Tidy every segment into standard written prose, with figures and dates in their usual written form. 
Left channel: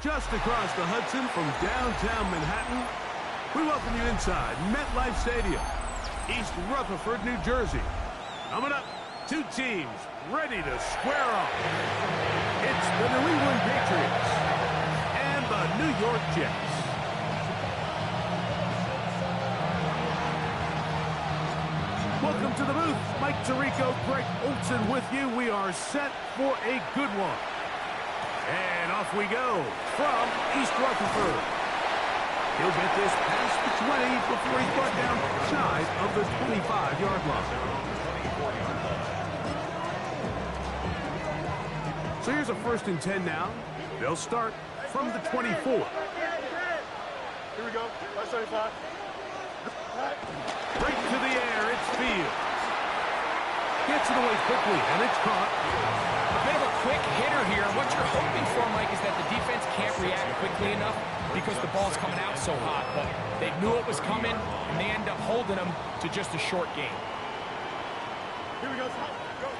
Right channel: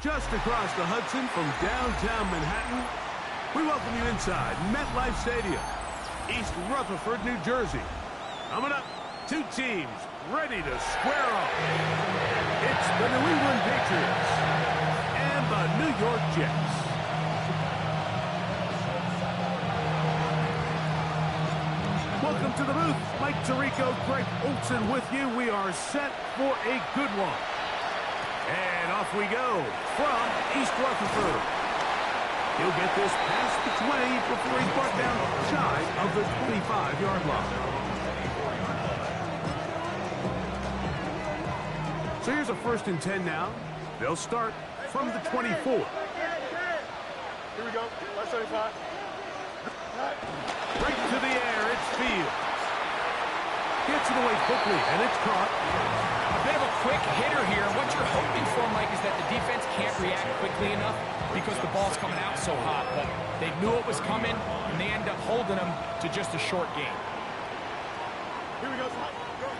Just across the Hudson from downtown Manhattan, we welcome you inside MetLife Stadium, East Rutherford, New Jersey. Coming up, two teams ready to square off. It's the New England Patriots and the New York Jets. Welcome to the booth. Mike Tirico, Greg Olson with you. We are set for a good one. And off we go from East Rutherford. He'll get this past the 20 before he's brought down shy of the 25-yard line. So here's a 1st and 10 now. They'll start from the 24. Here we go. 575. Right to the air, it's Fields. Gets it away quickly, and it's caught. A bit of a quick hitter here. What you're hoping for, Mike, is that the defense can't react quickly enough because the ball's coming out so hot. But they knew it was coming, and they end up holding them to just a short game. Here we go. Go.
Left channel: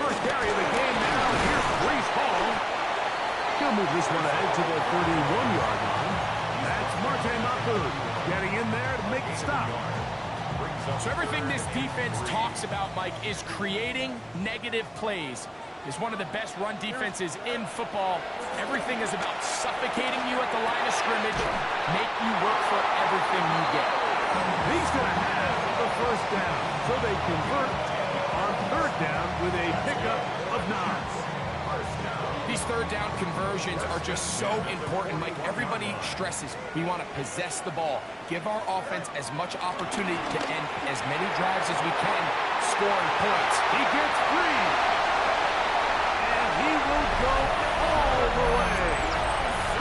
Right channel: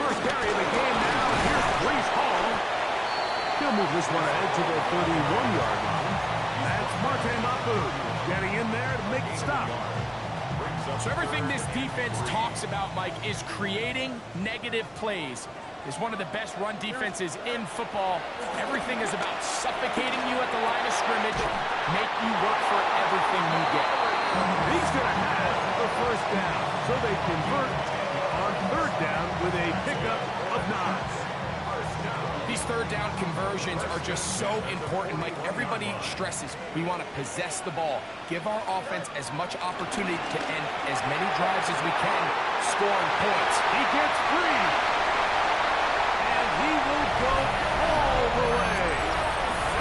First carry of the game now, and here's Breece Hall. He'll move this one ahead to the 31-yard line. That's Marte Mapu getting in there to make the stop. So everything this defense talks about, Mike, is creating negative plays. Is one of the best run defenses in football. Everything is about suffocating you at the line of scrimmage, make you work for everything you get. He's going to have the 1st down, so they convert on 3rd down with a pickup of 9. These 3rd down conversions are just so important, Mike. Everybody stresses we want to possess the ball, give our offense as much opportunity to end as many drives as we can, scoring points. He gets free, and he will go all the way.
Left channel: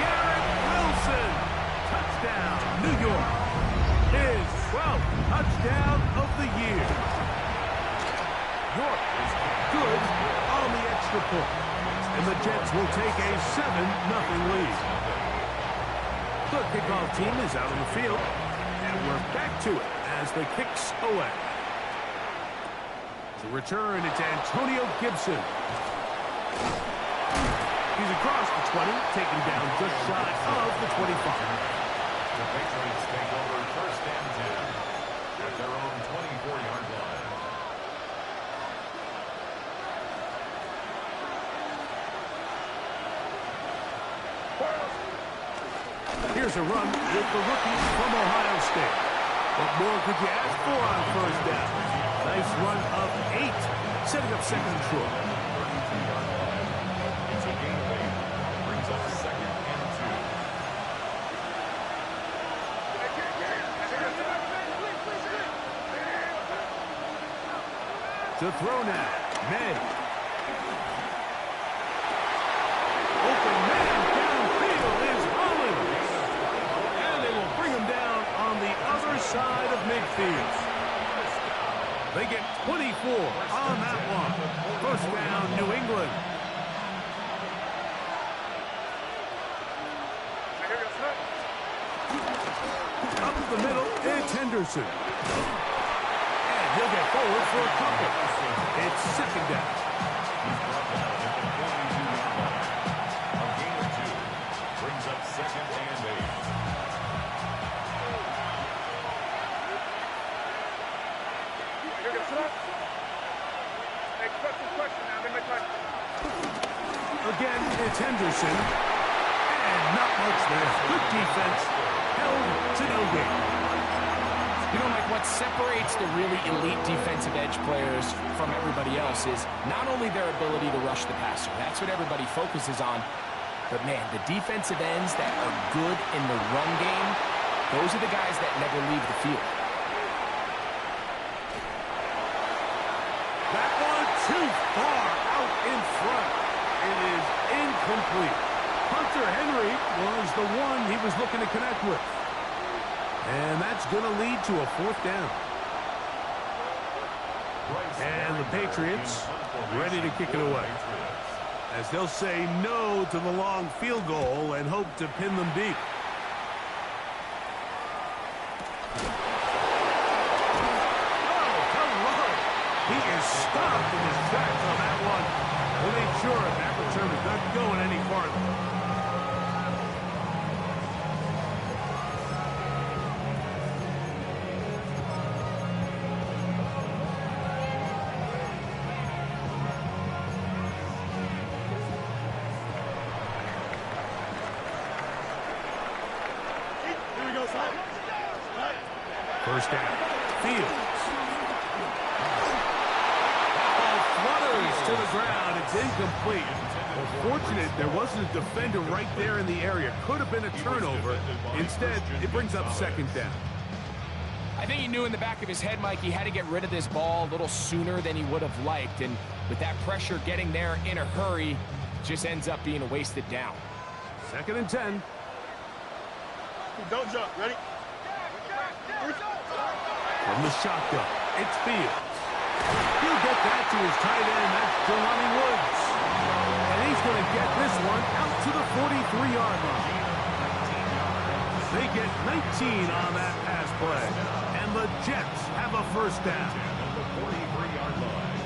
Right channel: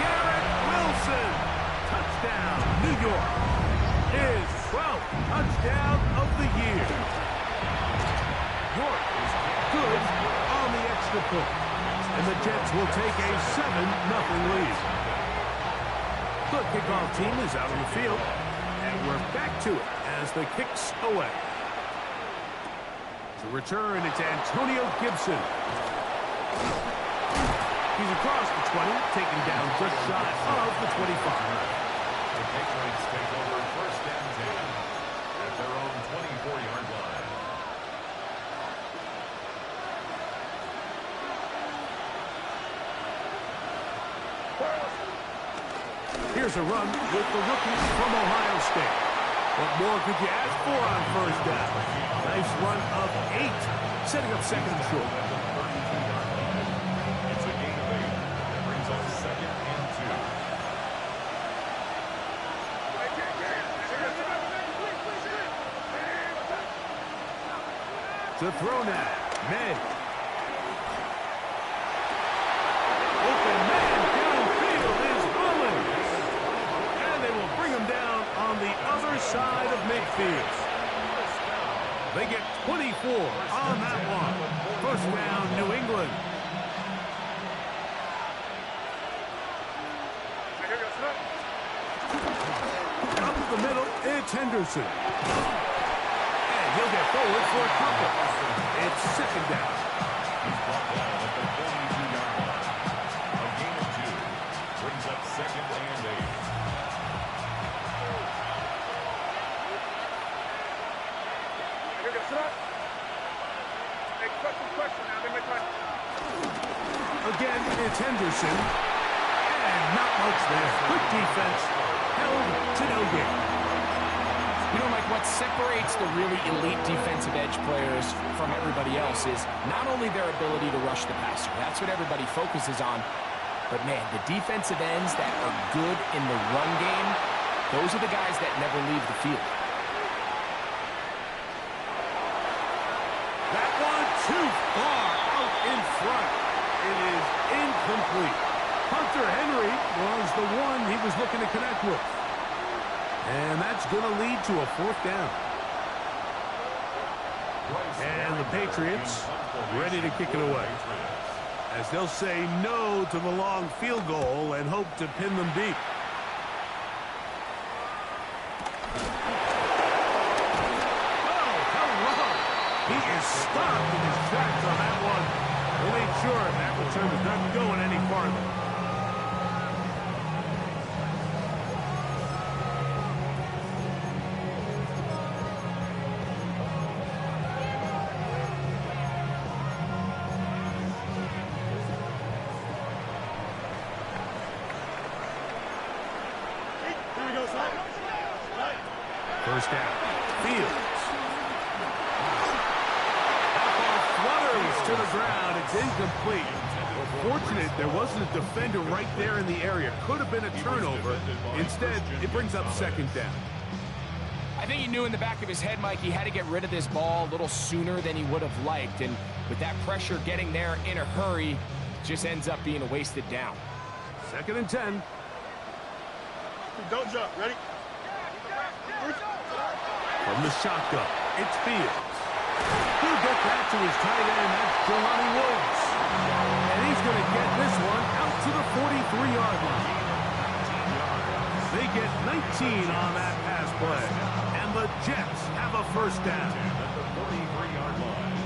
Garrett Wilson, touchdown, New York. His 12th touchdown of the year. York is good on the extra point. And the Jets will take a 7-0 lead. The kickoff team is out on the field, and we're back to it as the kick's away. To return, it's Antonio Gibson. He's across the 20, taken down just shy of the 25. The Patriots take over 1st and 10 at their own 24-yard line. Here's a run with the rookie from Ohio State. What more could you ask for on 1st down? Nice run of 8, setting up 2nd and short. It's a gain of 8. Brings up 2nd and 2. To throw now, May. Open man downfield is Holland. And they will bring him down on the other side of midfield. They get 24 on that one. 1st down, New England. Up the middle, it's Henderson. And he'll get forward for a couple. It's 2nd down. He's brought down at the 42-yard line. A gain of 2 brings up 2nd and 8. Again, it's Henderson. And not much there. Good defense. Held to no gain. You know, Mike, what separates the really elite defensive edge players from everybody else is not only their ability to rush the passer. That's what everybody focuses on. But, man, the defensive ends that are good in the run game, those are the guys that never leave the field. That one too far out in front. It is incomplete. Hunter Henry was the one he was looking to connect with. And that's going to lead to a 4th down. And the Patriots ready to kick it away, as they'll say no to the long field goal and hope to pin them deep. Oh, hello. He is stopped in his tracks on that one. They made sure that return was not going any farther. Here we go, slide. First down. Fields. That ball flutters to the ground. It's incomplete. Well, fortunate there wasn't a defender right there in the area. Could have been a turnover. Instead, it brings up second down. I think he knew in the back of his head, Mike, he had to get rid of this ball a little sooner than he would have liked. And with that pressure getting there in a hurry, it just ends up being a wasted down. 2nd and 10. Don't jump. Ready? From the shotgun, it's Fields. He'll get that to his tight end. That's Jelani Woods. And he's going to get this one out to the 43-yard line. They get 19 on that pass play. And the Jets have a first down. At the 43-yard line.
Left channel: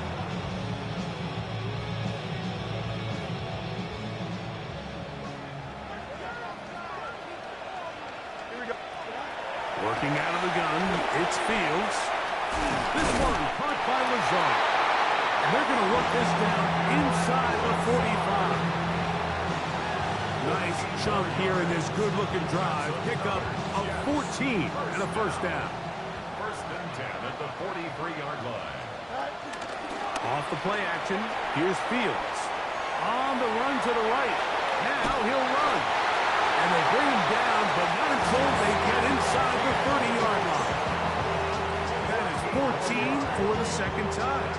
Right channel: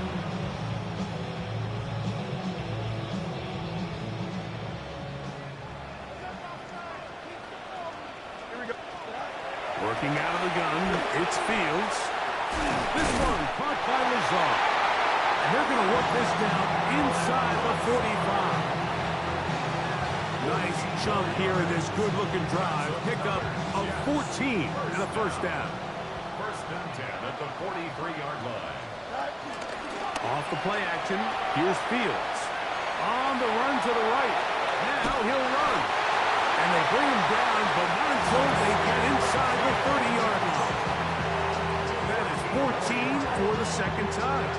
Working out of the gun, it's Fields. This one caught by Lazar. And they're going to work this down inside the 45. Nice chunk here in this good-looking drive. Pickup of 14 and a first down. 1st and 10 at the 43-yard line. Off the play action, here's Fields. On the run to the right. Now he'll run. And they bring him down, but not until they get inside the 30-yard line. That is 14 for the second time.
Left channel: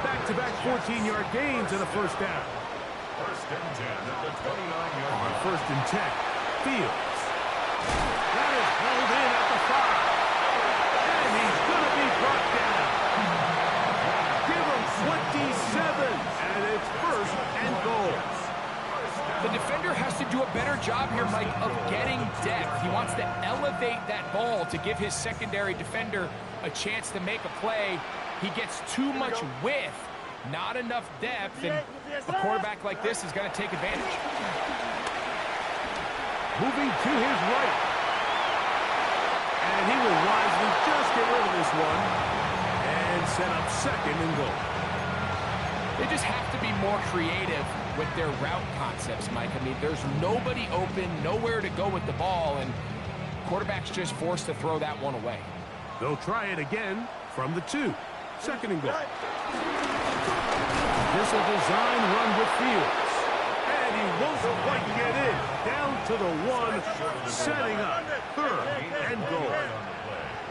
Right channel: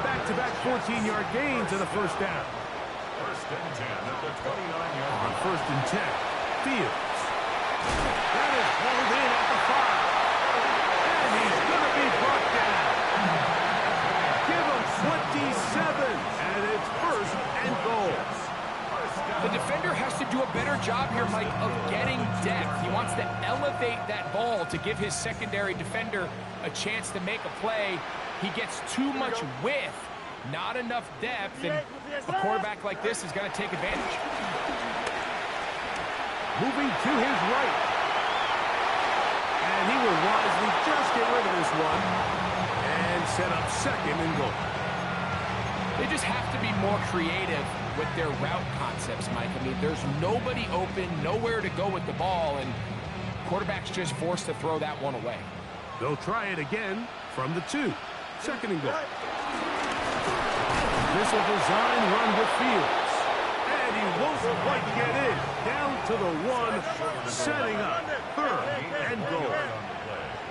Back-to-back 14-yard gains and a first down. 1st and 10 at the 29-yard On line. 1st and 10, Fields. That is hauled in at the 5. And he's going to be brought down. Give him 27, and it's 1st and goal. The defender has to do a better job here, Mike, of getting depth. He wants to elevate that ball to give his secondary defender a chance to make a play. He gets too much width, not enough depth, and a quarterback like this is going to take advantage. Moving to his right. And he will wisely just get rid of this one and set up 2nd and goal. They just have to be more creative with their route concepts, Mike. I mean, there's nobody open, nowhere to go with the ball, and quarterback's just forced to throw that one away. They'll try it again from the 2. 2nd and goal. This a design run with Fields. And he won't quite get in. Down to the 1, setting up 3rd and goal.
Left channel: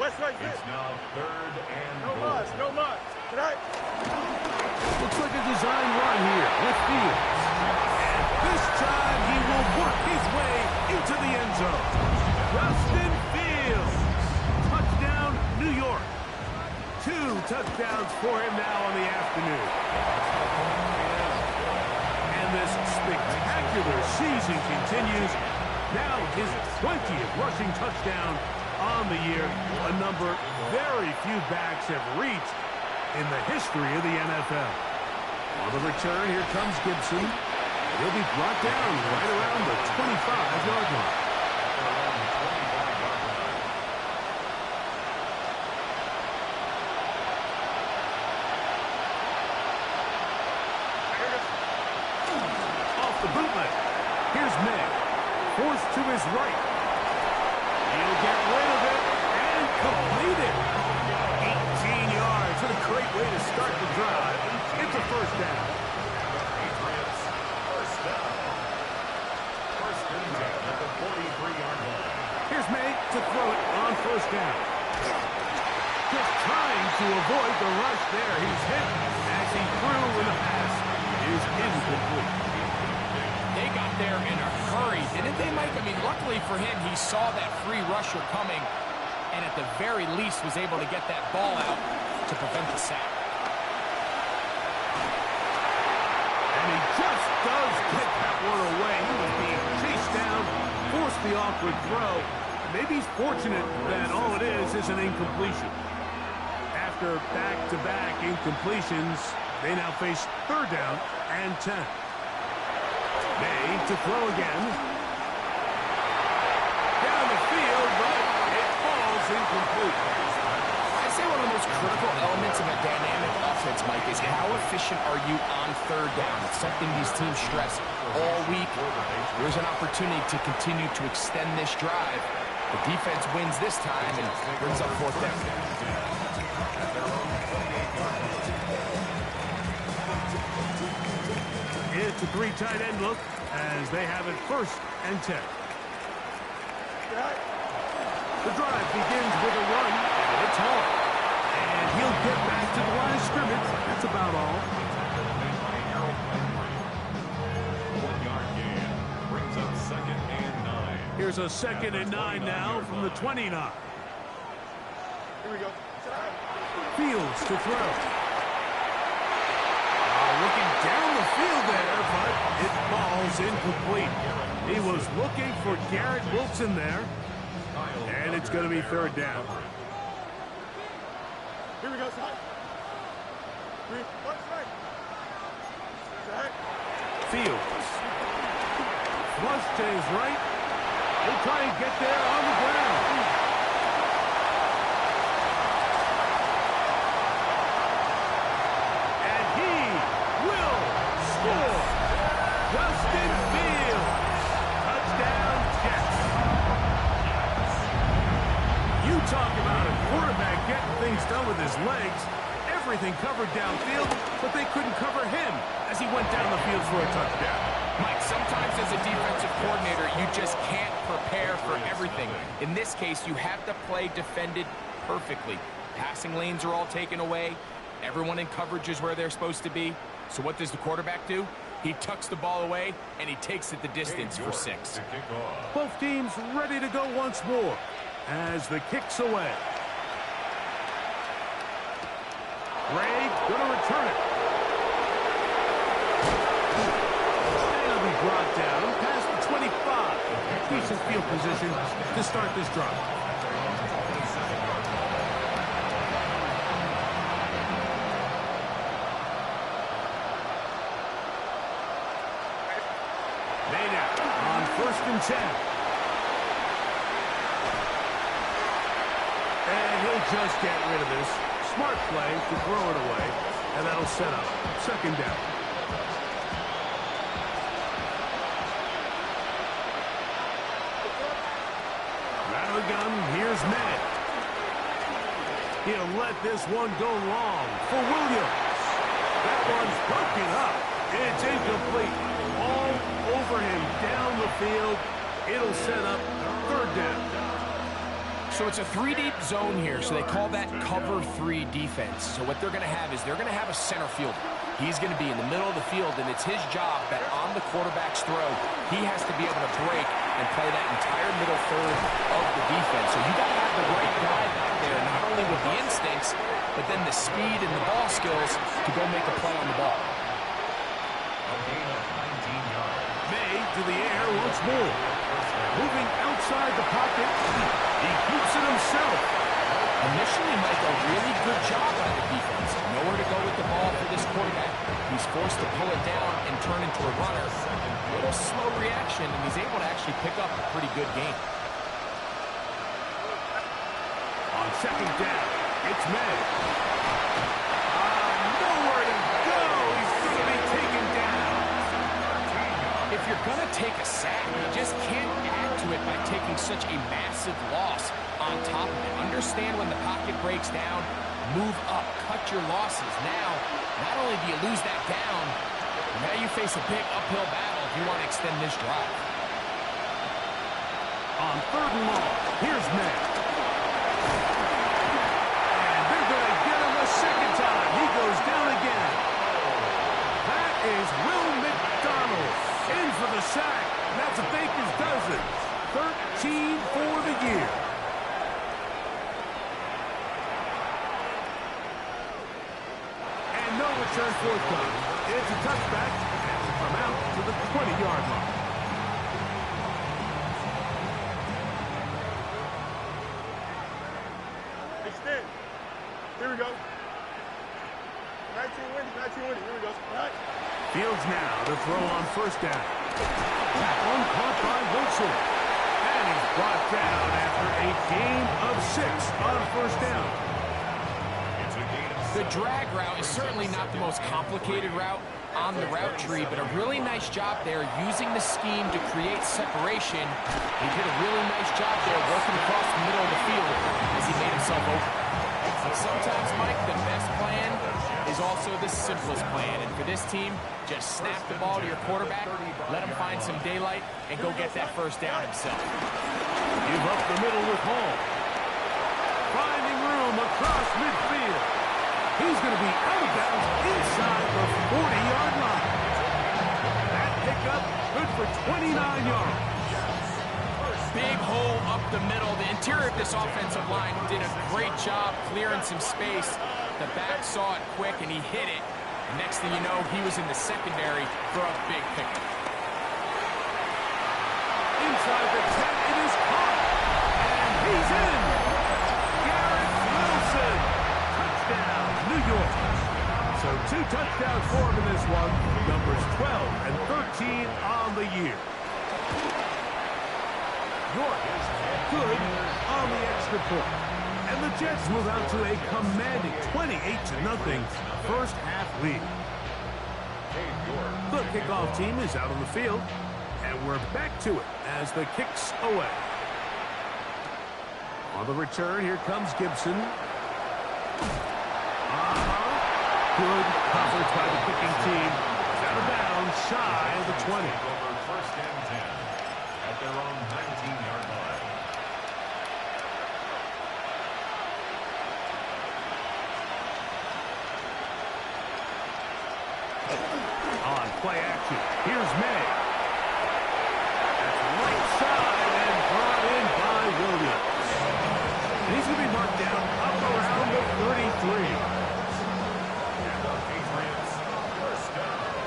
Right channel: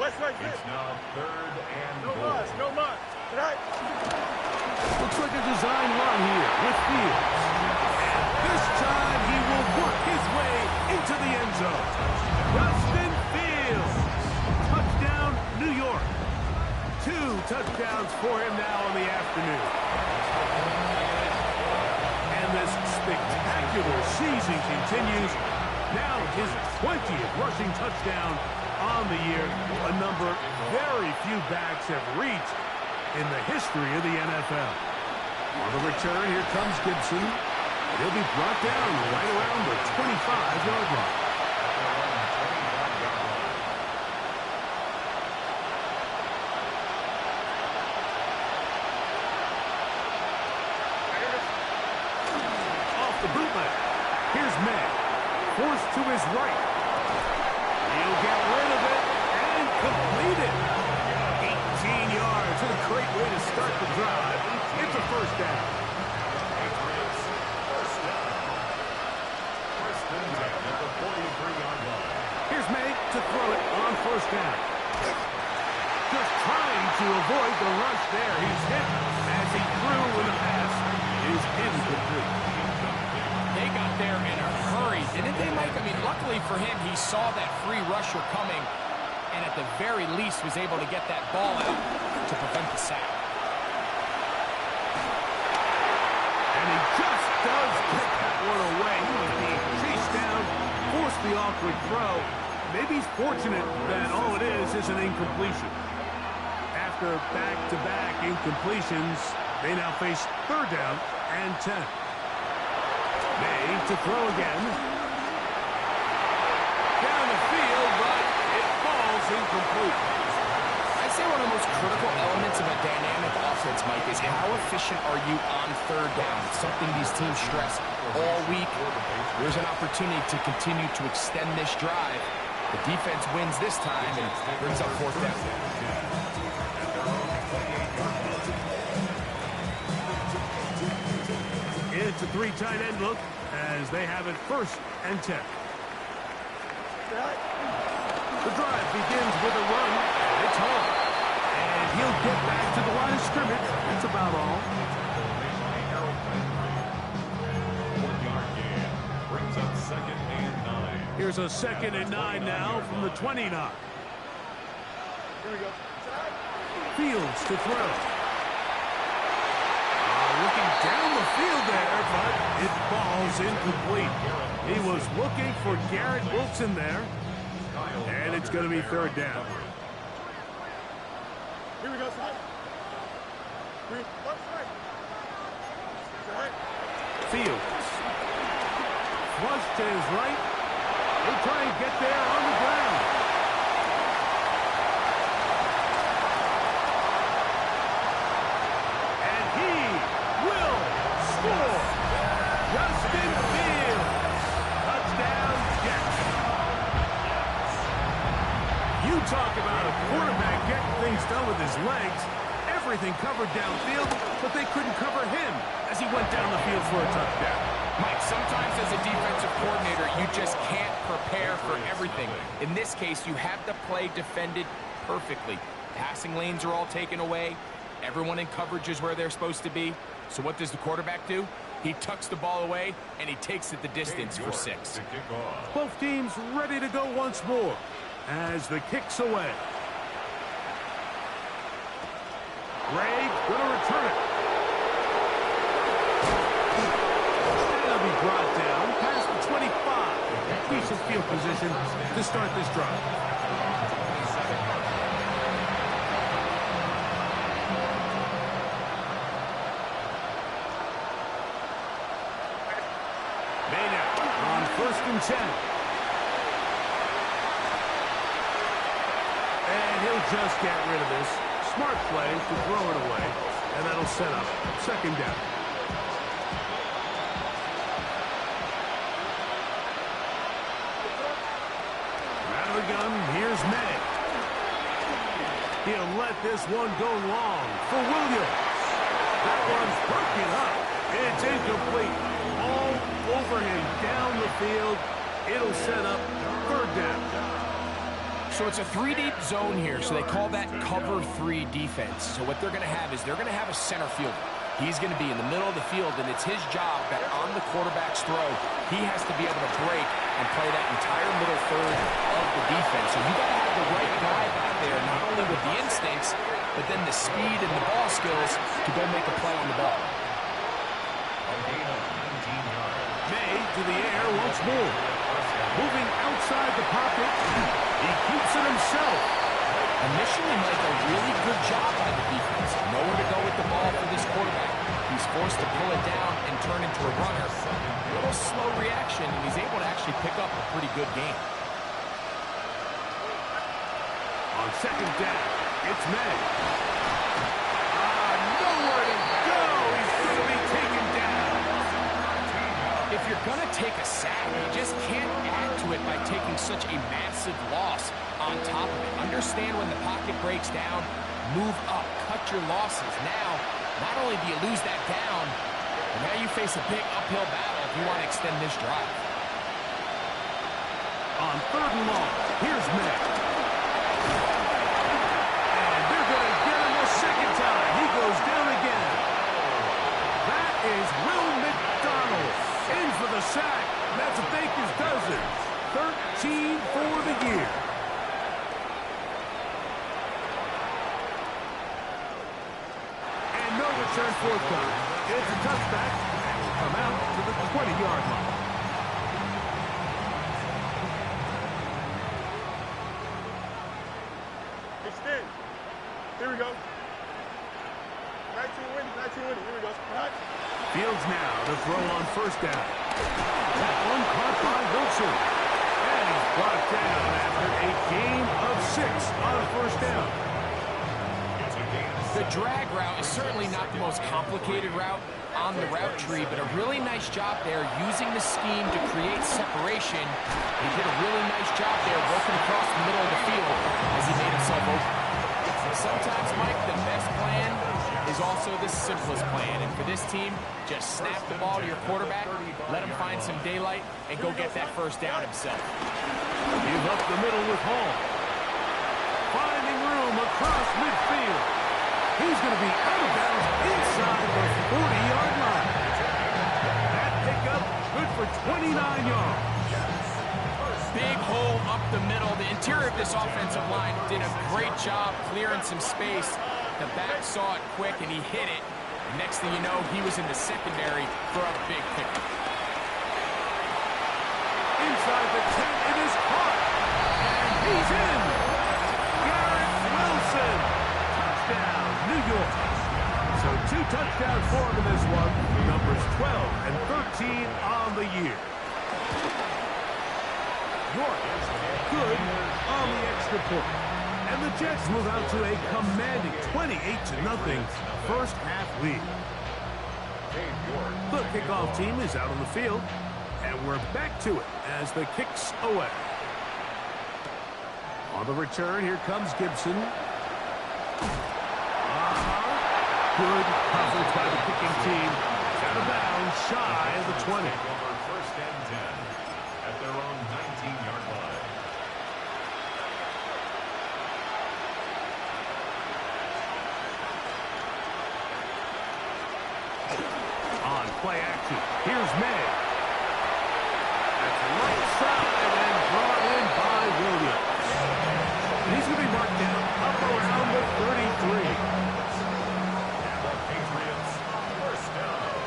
It's now 3rd and No goal. muss, no muss. Tonight. Looks like a design run here with Fields. And this time he will work his way into the end zone. Justin Fields. Touchdown, New York. 2 touchdowns for him now on the afternoon. And this spectacular season continues. Now his 20th rushing touchdown on the year. A number very few backs have reached in the history of the NFL. On the return, here comes Gibson. He'll be brought down right around the 25-yard line. Off the bootleg. Here's May. Forced to his right. He'll get rid of it and complete it. 18 yards. What a great way to start the drive. It's a first down. Patriots, first down. 1st and 10 at the 43-yard line. Here's May to throw it on first down. Just trying to avoid the rush there. He's hit as he threw when the pass is incomplete. They got there in a hurry, didn't they, Mike? I mean, luckily for him, he saw that free rusher coming, and at the very least was able to get that ball out to prevent the sack. And he just does get that one away. He was being chased down, forced the awkward throw. Maybe he's fortunate that all it is an incompletion. After back-to-back incompletions, They now face third down and 10. May to throw again. Down the field, but it falls incomplete. I'd say one of the most critical elements of a dynamic offense, Mike, is how efficient are you on third down. It's something these teams stress all week. There's an opportunity to continue to extend this drive. The defense wins this time and brings up fourth down. It's a 3 tight end look as they have it first and 10. The drive begins with a run, and it's home. And he'll get back to the line of scrimmage. That's about all. 1 yard gain brings up second and 9. Here's a second and 9 now from the 29. Here we go. Fields to throw. Looking down the field there, but it falls incomplete. He was looking for Garrett Wilson there. And it's going to be third down. Here we go, side. 3, 1, side. Side. Fields. Flush to his right. He'll try and get there on the ground. And he will score. Justin Fields. Touchdown, Jets. You talk about a quarterback getting things done with his legs. Everything covered downfield, but they couldn't cover him as he went down the field for a touchdown. Mike, sometimes as a defensive coordinator, you just can't prepare for everything. In this case, you have the play defended perfectly. Passing lanes are all taken away. Everyone in coverage is where they're supposed to be. So what does the quarterback do? He tucks the ball away, and he takes it the distance for 6. Both teams ready to go once more as the kick's away. Gray going to return it. And it'll be brought down past the 25. Decent field position to start this drive. Maynard on first and 10. And he'll just get rid of this. Smart play to throw it away, and that'll set up second down. Out of the gun, here's May. He'll let this one go long for Williams. That one's broken up. It's incomplete. All over him down the field. It'll set up third down. So it's a 3-deep zone here, so they call that cover 3 defense. So what they're going to have is they're going to have a center fielder. He's going to be in the middle of the field, and it's his job that on the quarterback's throw, he has to be able to break and play that entire middle third of the defense. So you got to have the right guy back there, not only with the instincts, but then the speed and the ball skills to go make a play on the ball. A gain of 19 yards. May to the air once more. Moving outside the pocket. He keeps it himself. Initially, Mike, a really good job by the defense. Nowhere to go with the ball for this quarterback. He's forced to pull it down and turn into a runner. A little slow reaction, and he's able to actually pick up a pretty good game. On second down, it's May. Nowhere to go. He's going to be taken down. If you're going to take a sack, you just can't add to it by taking such a massive loss on top of it. Understand when the pocket breaks down, move up, cut your losses. Now, not only do you lose that down, but now you face a big uphill battle if you want to extend this drive. On third and long, here's May. And they're going to get him a second time. He goes down again. That is Will McDonald in for the sack. That's a Baker's dozen. 13 for the year. And no return forthcoming. It's a touchback and will come out to the 20-yard line. Extend. Here we go. 19 winning. Here we go. All right. Fields now to throw on first down. That one caught by Wilson. And he's brought down after a gain of 6 on first down. It's a gain of The drag route is certainly not the most complicated route on the route tree, but a really nice job there using the scheme to create separation. He did a really nice job there working across the middle of the field as he made himself open. Sometimes, Mike, the best plan is also the simplest plan. And for this team, just snap the ball to your quarterback, let him find some daylight, and go get that first down himself. Give up the middle with Hall. Finding room across midfield. He's going to be out of bounds inside the 40-yard line. That pickup good for 29 yards. Big hole up the middle. The interior of this offensive line did a great job clearing some space. The back saw it quick, and he hit it. The next thing you know, he was in the secondary for a big pickup. Inside the 10, it is caught. And he's in. Garrett Wilson. Touchdown, New York. So 2 touchdowns for him in this one. Numbers 12 and 13 on the year. York is good on the extra point. And the Jets move out to a commanding 28-0 first half lead. The kickoff team is out on the field. And we're back to it as the kick's away. On the return, here comes Gibson. Good coverage by the kicking team. It's out of bounds, shy of the 20. Over first and 10 at their own 19-yard line. On play action, here's May. That's right side and brought in by Williams. And he's going to be marked down up around the 33. And the Patriots first down.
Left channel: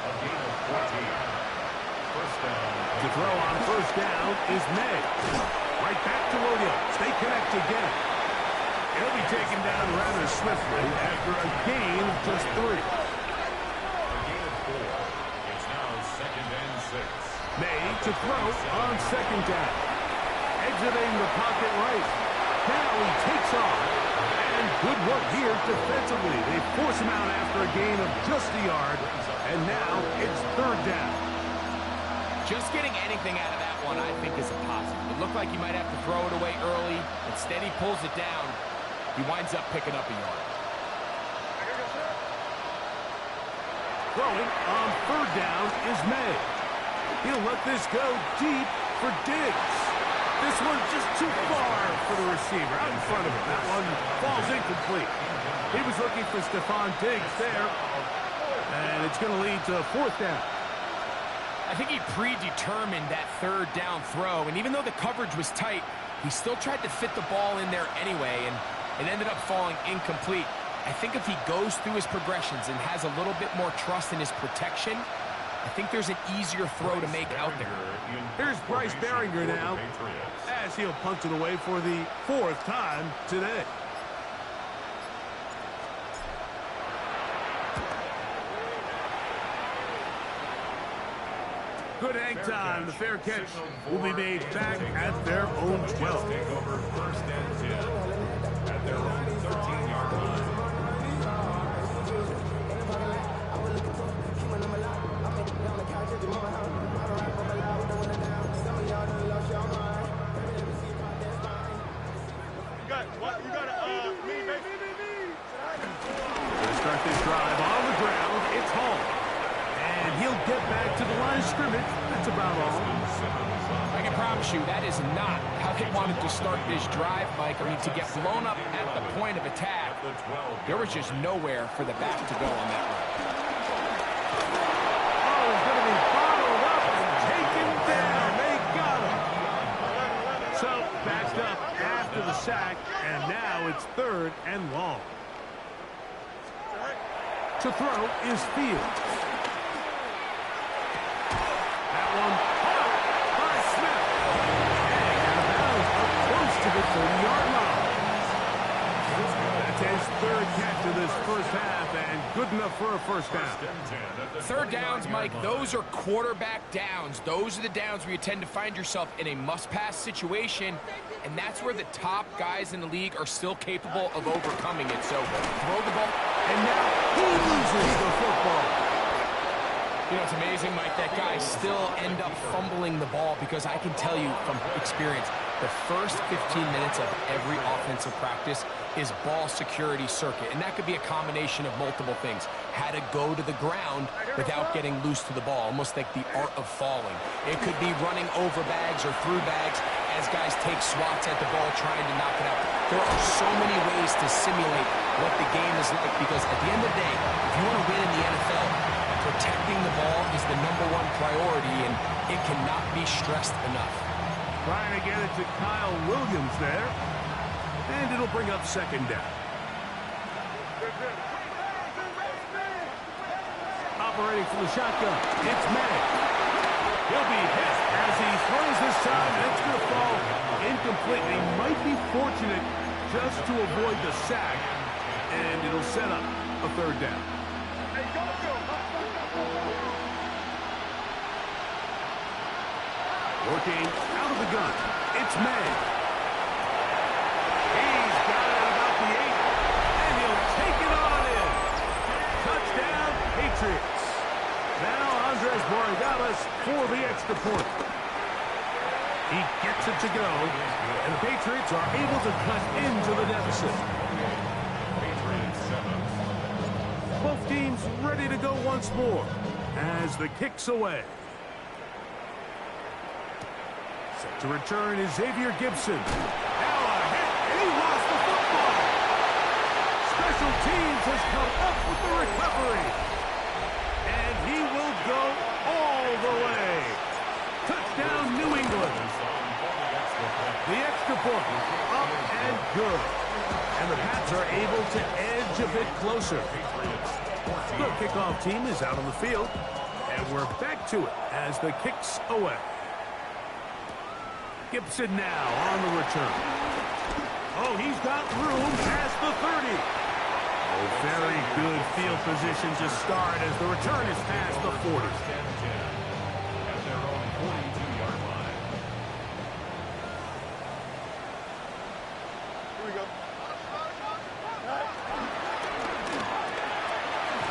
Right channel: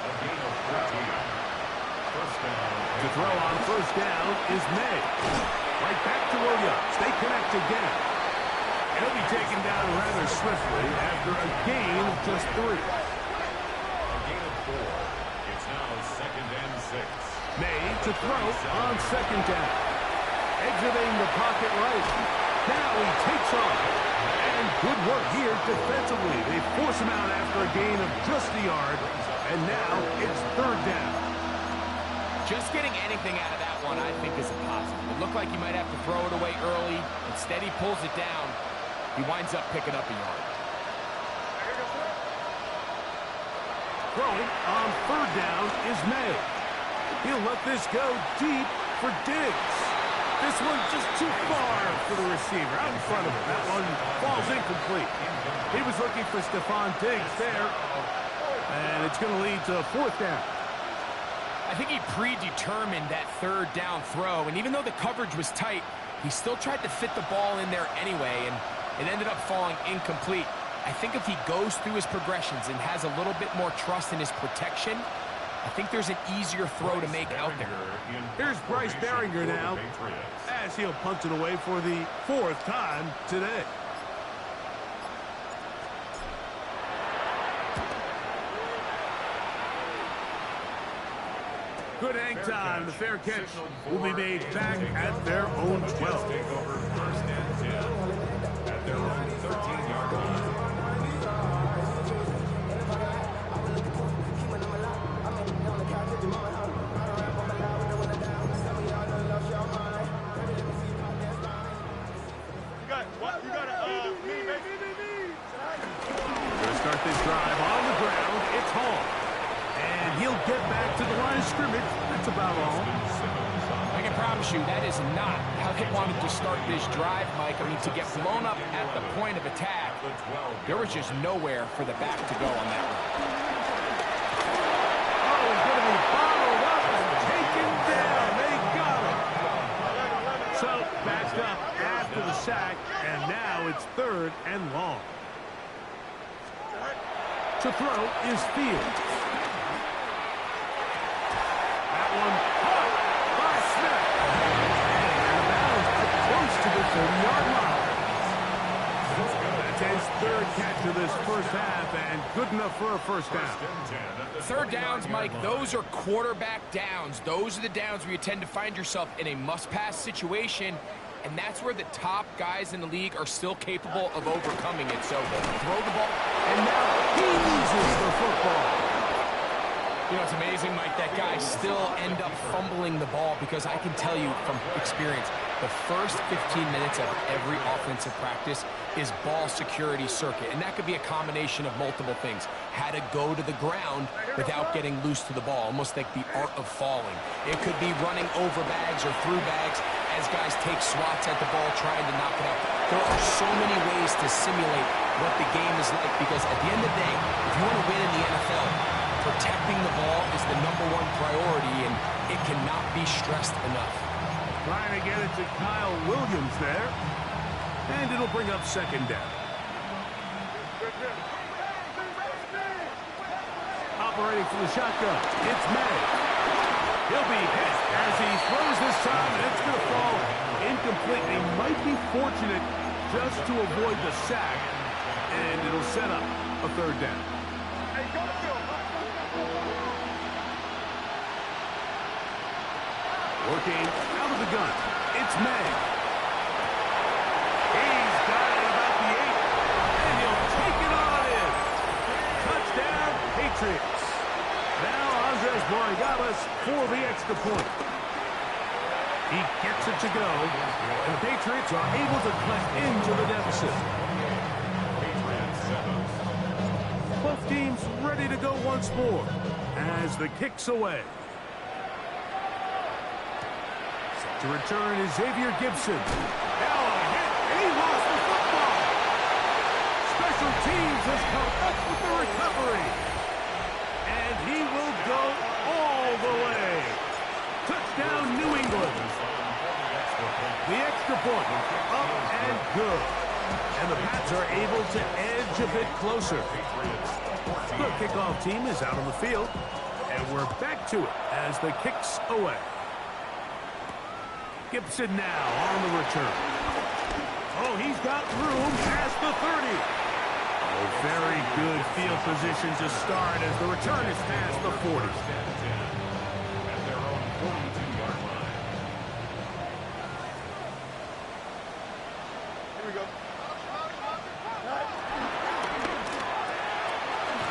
A gain of 14. First down. To throw on first down is May. Right back to Williams. They connect again. He'll be taken down rather swiftly after a gain of just 3. A gain of 4. It's now second and 6. May to throw on second down. Exiting the pocket right. Now he takes off. And good work here defensively. They force him out after a gain of just a yard. And now it's third down. Just getting anything out of that one, I think, is a positive. It looked like he might have to throw it away early. Instead, he pulls it down. He winds up picking up a yard. Throwing on third down is May. He'll let this go deep for Diggs. This one's just too far for the receiver out in front of him. That one falls incomplete. He was looking for Stephon Diggs there. And it's going to lead to a fourth down. I think he predetermined that third down throw, and even though the coverage was tight, he still tried to fit the ball in there anyway, and it ended up falling incomplete. I think if he goes through his progressions and has a little bit more trust in his protection, I think there's an easier throw to make out there. Here's Bryce Baringer now, as he'll punt it away for the 4th time today. Good hang time. The fair catch will be made back at their own 12. Take over first and 10 at their own 13-yard line. You got me. Going to start this drive on the ground. It's Hall. And he'll get back to the line of scrimmage. That's about all. I can promise you that is not how they wanted to start this drive, Mike. I mean, to get blown up at the point of attack, there was just nowhere for the back to go on that run. Oh, he's going to be bottled up and taken down. They got him. So, backed up after the sack, and now it's 3rd and long. To throw is Fields. That one caught by Smith. And out of bounds up close to the 30-yard line. That's his third catch of this first half, and good enough for a first down. Third downs, Mike, those are quarterback downs. Those are the downs where you tend to find yourself in a must-pass situation, and that's where the top guys in the league are still capable of overcoming it. So throw the ball. And now he loses the football. You know, it's amazing, Mike, that guys still end up fumbling the ball, because I can tell you from experience, the first 15 minutes of every offensive practice is ball security circuit, and that could be a combination of multiple things. How to go to the ground without getting loose to the ball, almost like the art of falling. It could be running over bags or through bags as guys take swats at the ball trying to knock it out. There are so many ways to simulate what the game is like, because at the end of the day, if you want to win in the NFL, protecting the ball is the #1 priority, and it cannot be stressed enough. Trying to get it to Kyle Williams there. And it'll bring up second down. Operating from the shotgun, it's May. He'll be hit as he throws this time, and it's going to fall incomplete. He might be fortunate just to avoid the sack, and it'll set up a third down. Working out of the gun, it's May. He's got it at about the 8, and he'll take it on in. Touchdown, Patriots. Now Andres Borregales for the extra point. He gets it to go, and the Patriots are able to cut into the deficit. Both teams ready to go once more as the kick's away. Set to return is Xavier Gibson. Now a hit, and he lost the football. Special teams has come up with the recovery. And he will go all the way. Touchdown, New England. The extra point, up and good. And the Pats are able to edge a bit closer. The kickoff team is out on the field. And we're back to it as the kick's away. Gibson now on the return. Oh, he's got room past the 30. Oh, very good field position to start as the return is past the 40. At their own 42-yard line. Here we go.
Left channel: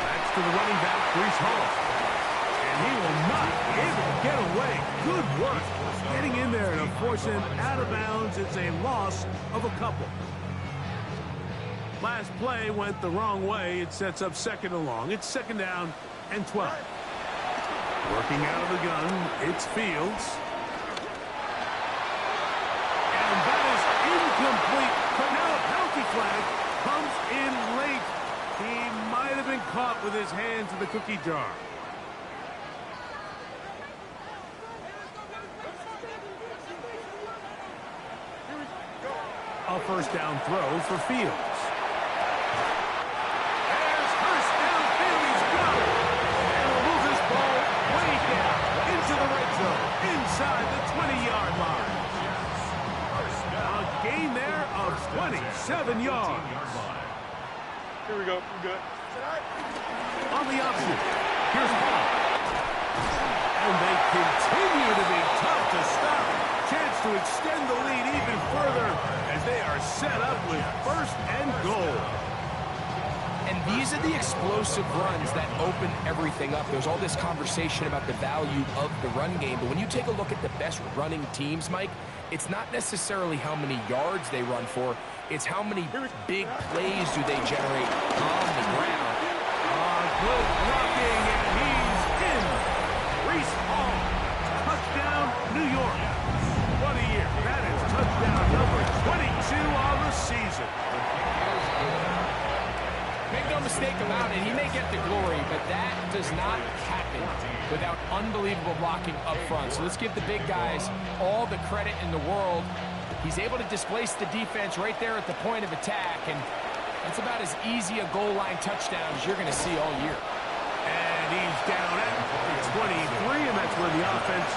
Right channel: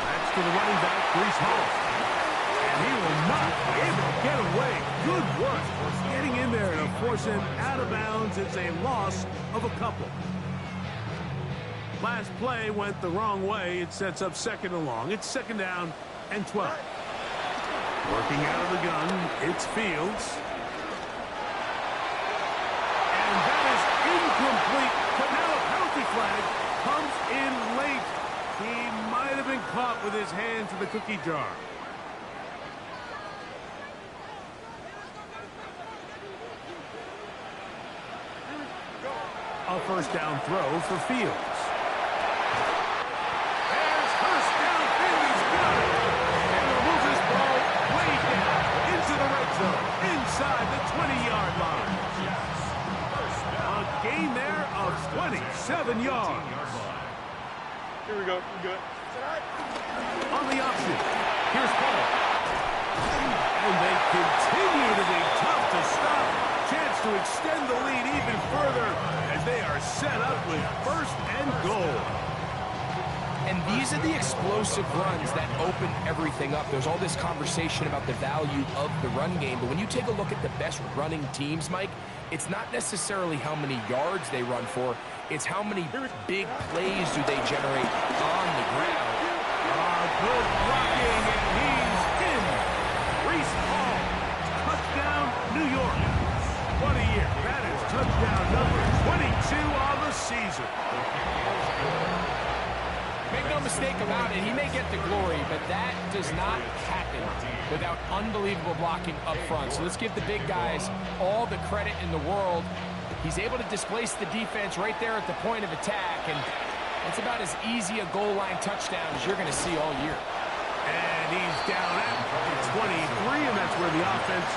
That's to the running back, Breece Hall. And he will not be able to get away. Good work. Getting in there to force him out of bounds. It's a loss of a couple. Last play went the wrong way. It sets up second and long. It's second down and 12. Working out of the gun, it's Fields. And that is incomplete. But now a penalty flag comes in late. He might have been caught with his hands in the cookie jar. A first down throw for Fields. There's Hurst downfield. He's got it. And he'll move this ball way down into the red zone, inside the 20-yard line. A gain there of 27 yards. Here we go. We're good. On the option, here's Paul. And they continue to be tough to stop. Chance to extend the lead even further as they are set up with first and goal. And these are the explosive runs that open everything up. There's all this conversation about the value of the run game, but when you take a look at the best running teams, Mike, it's not necessarily how many yards they run for, it's how many big plays do they generate on the ground. Good blocking, and he's in. Breece Hall, touchdown, New York. What a year. That is touchdown number 22 on the season. Make no mistake about it, he may get the glory, but that does not happen without unbelievable blocking up front. So let's give the big guys all the credit in the world. He's able to displace the defense right there at the point of attack, and that's about as easy a goal line touchdown as you're going to see all year. And he's down at the 23, and that's where the offense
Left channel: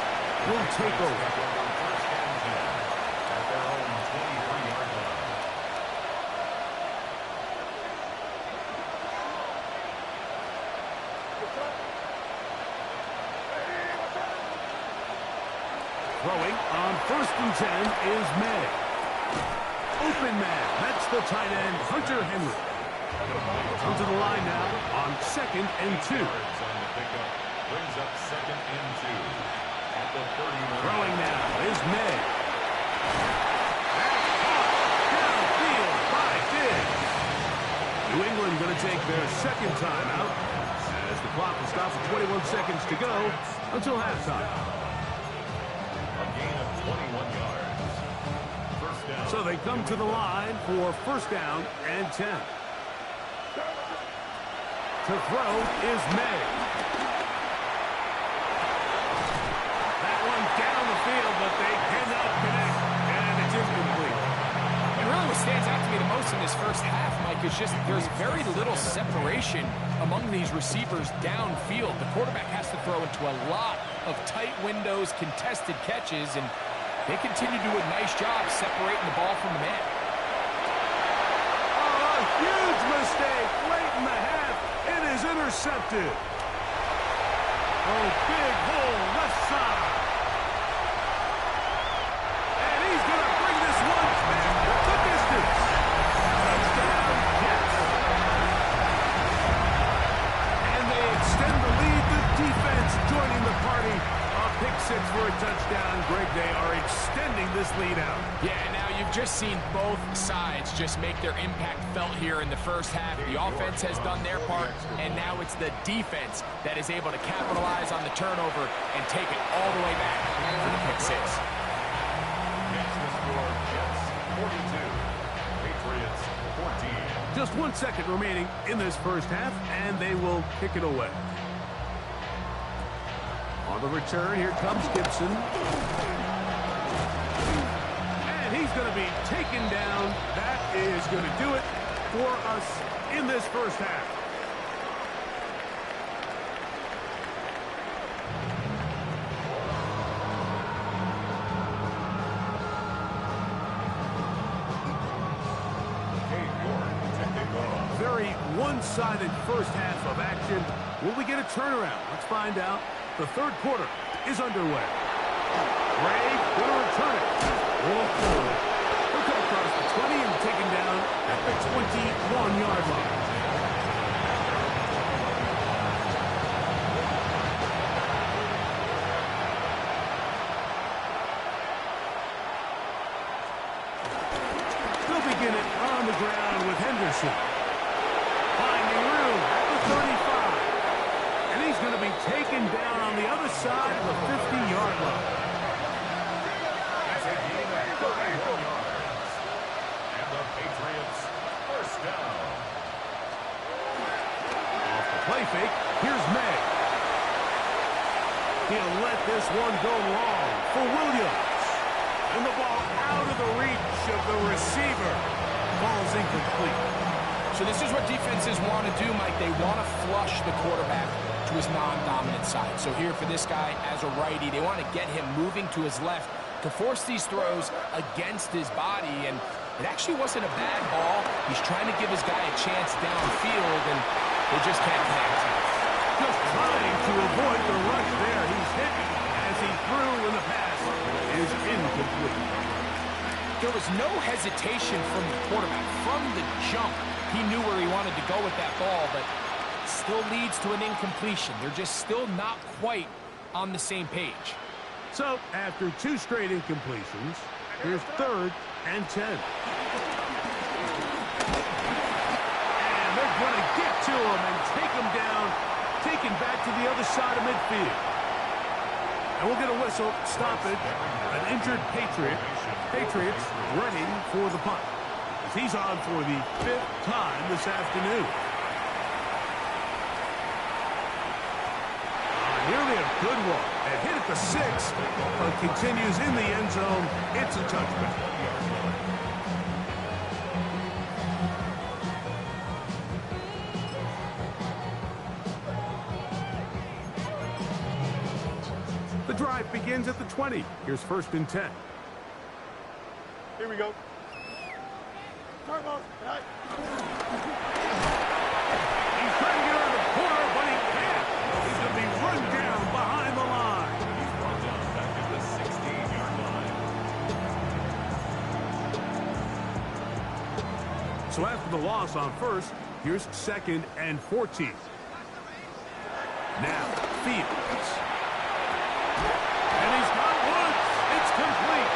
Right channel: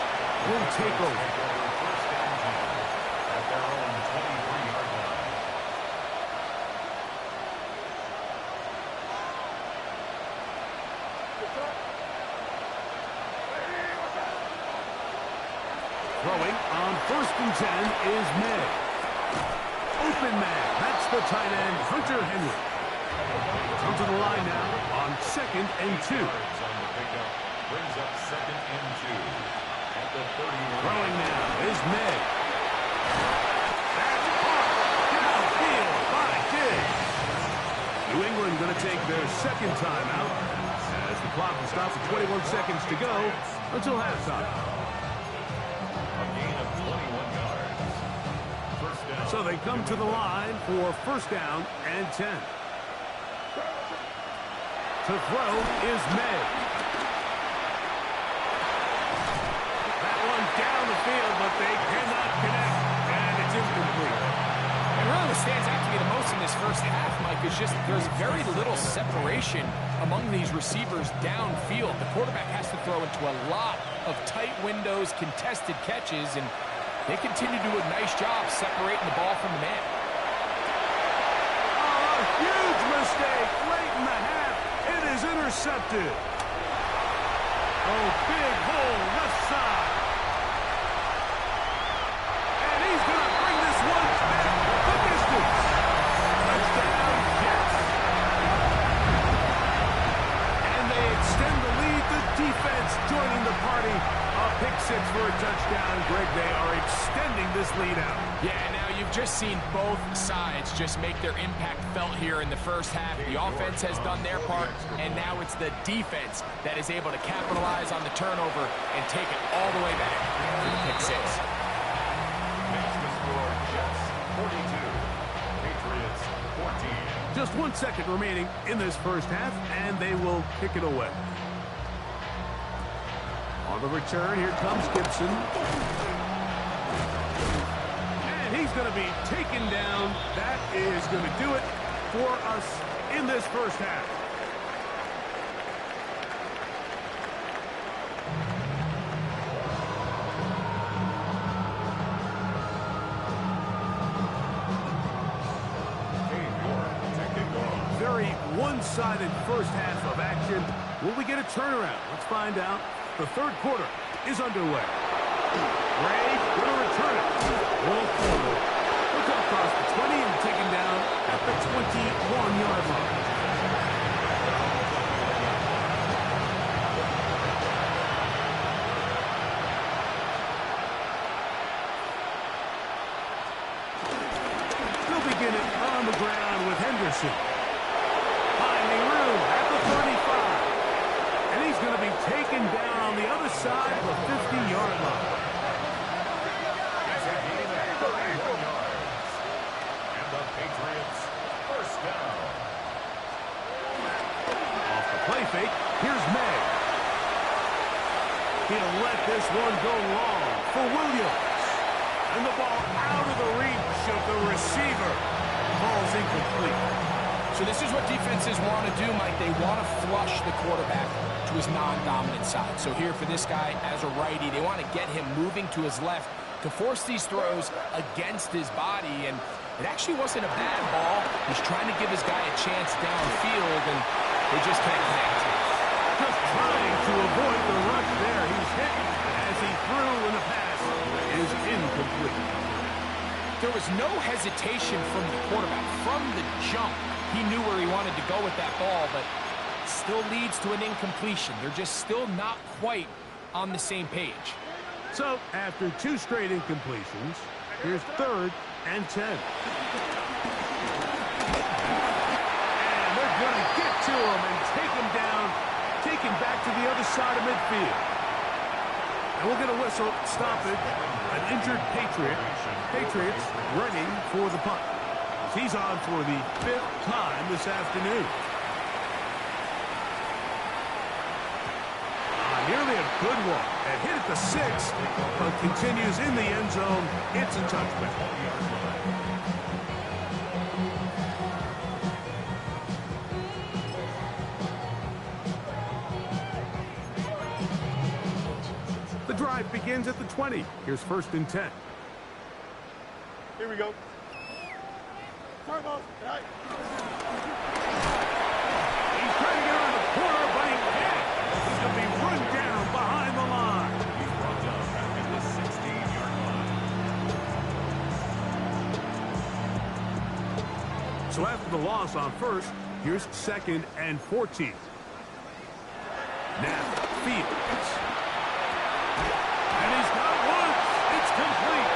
will take over. At their own 23-yard line. Throwing on 1st and 10 is May. Open man. That's the tight end, Hunter Henry. Come to the line now on 2nd and 2. Brings up 2nd and 2 at the 31. Throwing now is May. That's caught downfield by Diggs. New England going to take their 2nd timeout as the clock will stop with 21 seconds to go until halftime. A gain of 21 yards. First down. So they come to the line for 1st down and 10. To throw is May. That one down the field, but they cannot connect, and it's incomplete. And really what stands out to me the most in this first half, Mike, is just there's very little separation among these receivers downfield. The quarterback has to throw into a lot of tight windows, contested catches, and they continue to do a nice job separating the ball from the man. Oh, a huge mistake late in the half. It is intercepted. Oh, big hole left side. And he's going to bring this one back the distance. Touchdown, Jets. And they extend the lead. The defense joining the party. A pick 6 for a touchdown. Greg, they are extending this lead out. Yeah, now you've just seen both sides just make their impact felt here in the first half. The offense has done their part, and now it's the defense that is able to capitalize on the turnover and take it all the way back for the pick 6. Makes the score Jets 42, Patriots 14. Just 1 second remaining in this first half, and they will kick it away. On the return, here comes Gibson. And he's going to be taken down. That is going to do it for us in this first half. Very one-sided first half of action. Will we get a turnaround? Let's find out. The 3rd quarter is underway. Ray going to return it. Whoa. He'll come across the 20 and taken down at the 21-yard line. They'll begin it on the ground with Henderson. Finding room at the 35. And he's going to be taken down on the other side of the 50-yard line. It's a gain of 31 yards. And the Patriots first down. Off the play fake, here's May. He'll let this one go long for Williams. And the ball out of the reach of the receiver. Ball's incomplete. So this is what defenses want to do, Mike. They want to flush the quarterback to his non-dominant side. So here for this guy as a righty, they want to get him moving to his left to force these throws against his body. And it actually wasn't a bad ball. He's trying to give his guy a chance downfield, and they just can't connect. Just trying to avoid the rush there. He's hit as he threw, and the pass is incomplete. There was no hesitation from the quarterback. From the jump, he knew where he wanted to go with that ball, but still leads to an incompletion. They're just still not quite on the same page. So, after 2 straight incompletions, here's 3rd and 10. And they're going to get to him and take him down, take him back to the other side of midfield. And we'll get a whistle, stop it. An injured Patriot. Patriots running for the punt. He's on for the 5th time this afternoon. Nearly a good one. A hit at the 6, but continues in the end zone. It's a touchback. The drive begins at the 20. Here's 1st and 10. Here we go. Turbo. He's trying to get around the corner, but he can't. So after the loss on first, here's 2nd and 14. Now, Fields. And he's got Woods. It's complete.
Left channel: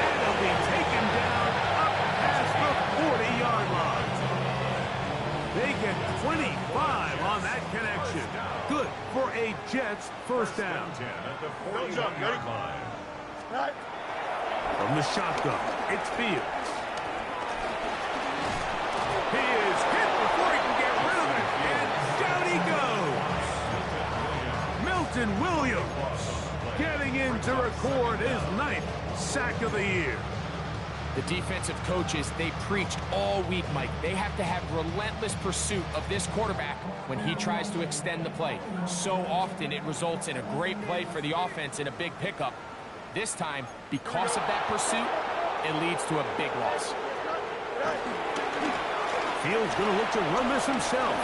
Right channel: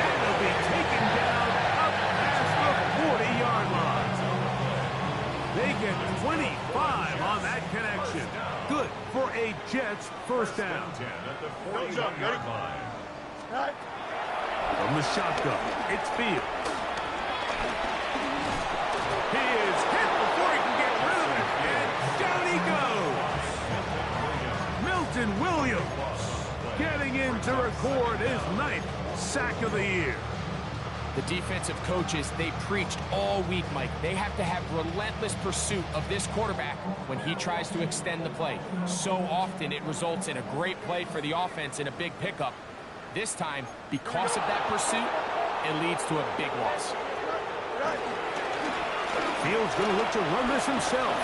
And he'll be taken down up past the 40-yard line. They get 25 on that connection. Good for a Jets first down. From the shotgun, it's Fields. He is hit before he can get rid of it, and down he goes. Milton Williams getting in to record his 9th sack of the year. The defensive coaches, they preached all week, Mike. They have to have relentless pursuit of this quarterback when he tries to extend the play. So often it results in a great play for the offense and a big pickup. This time, because of that pursuit, it leads to a big loss. Fields going to look to run this himself.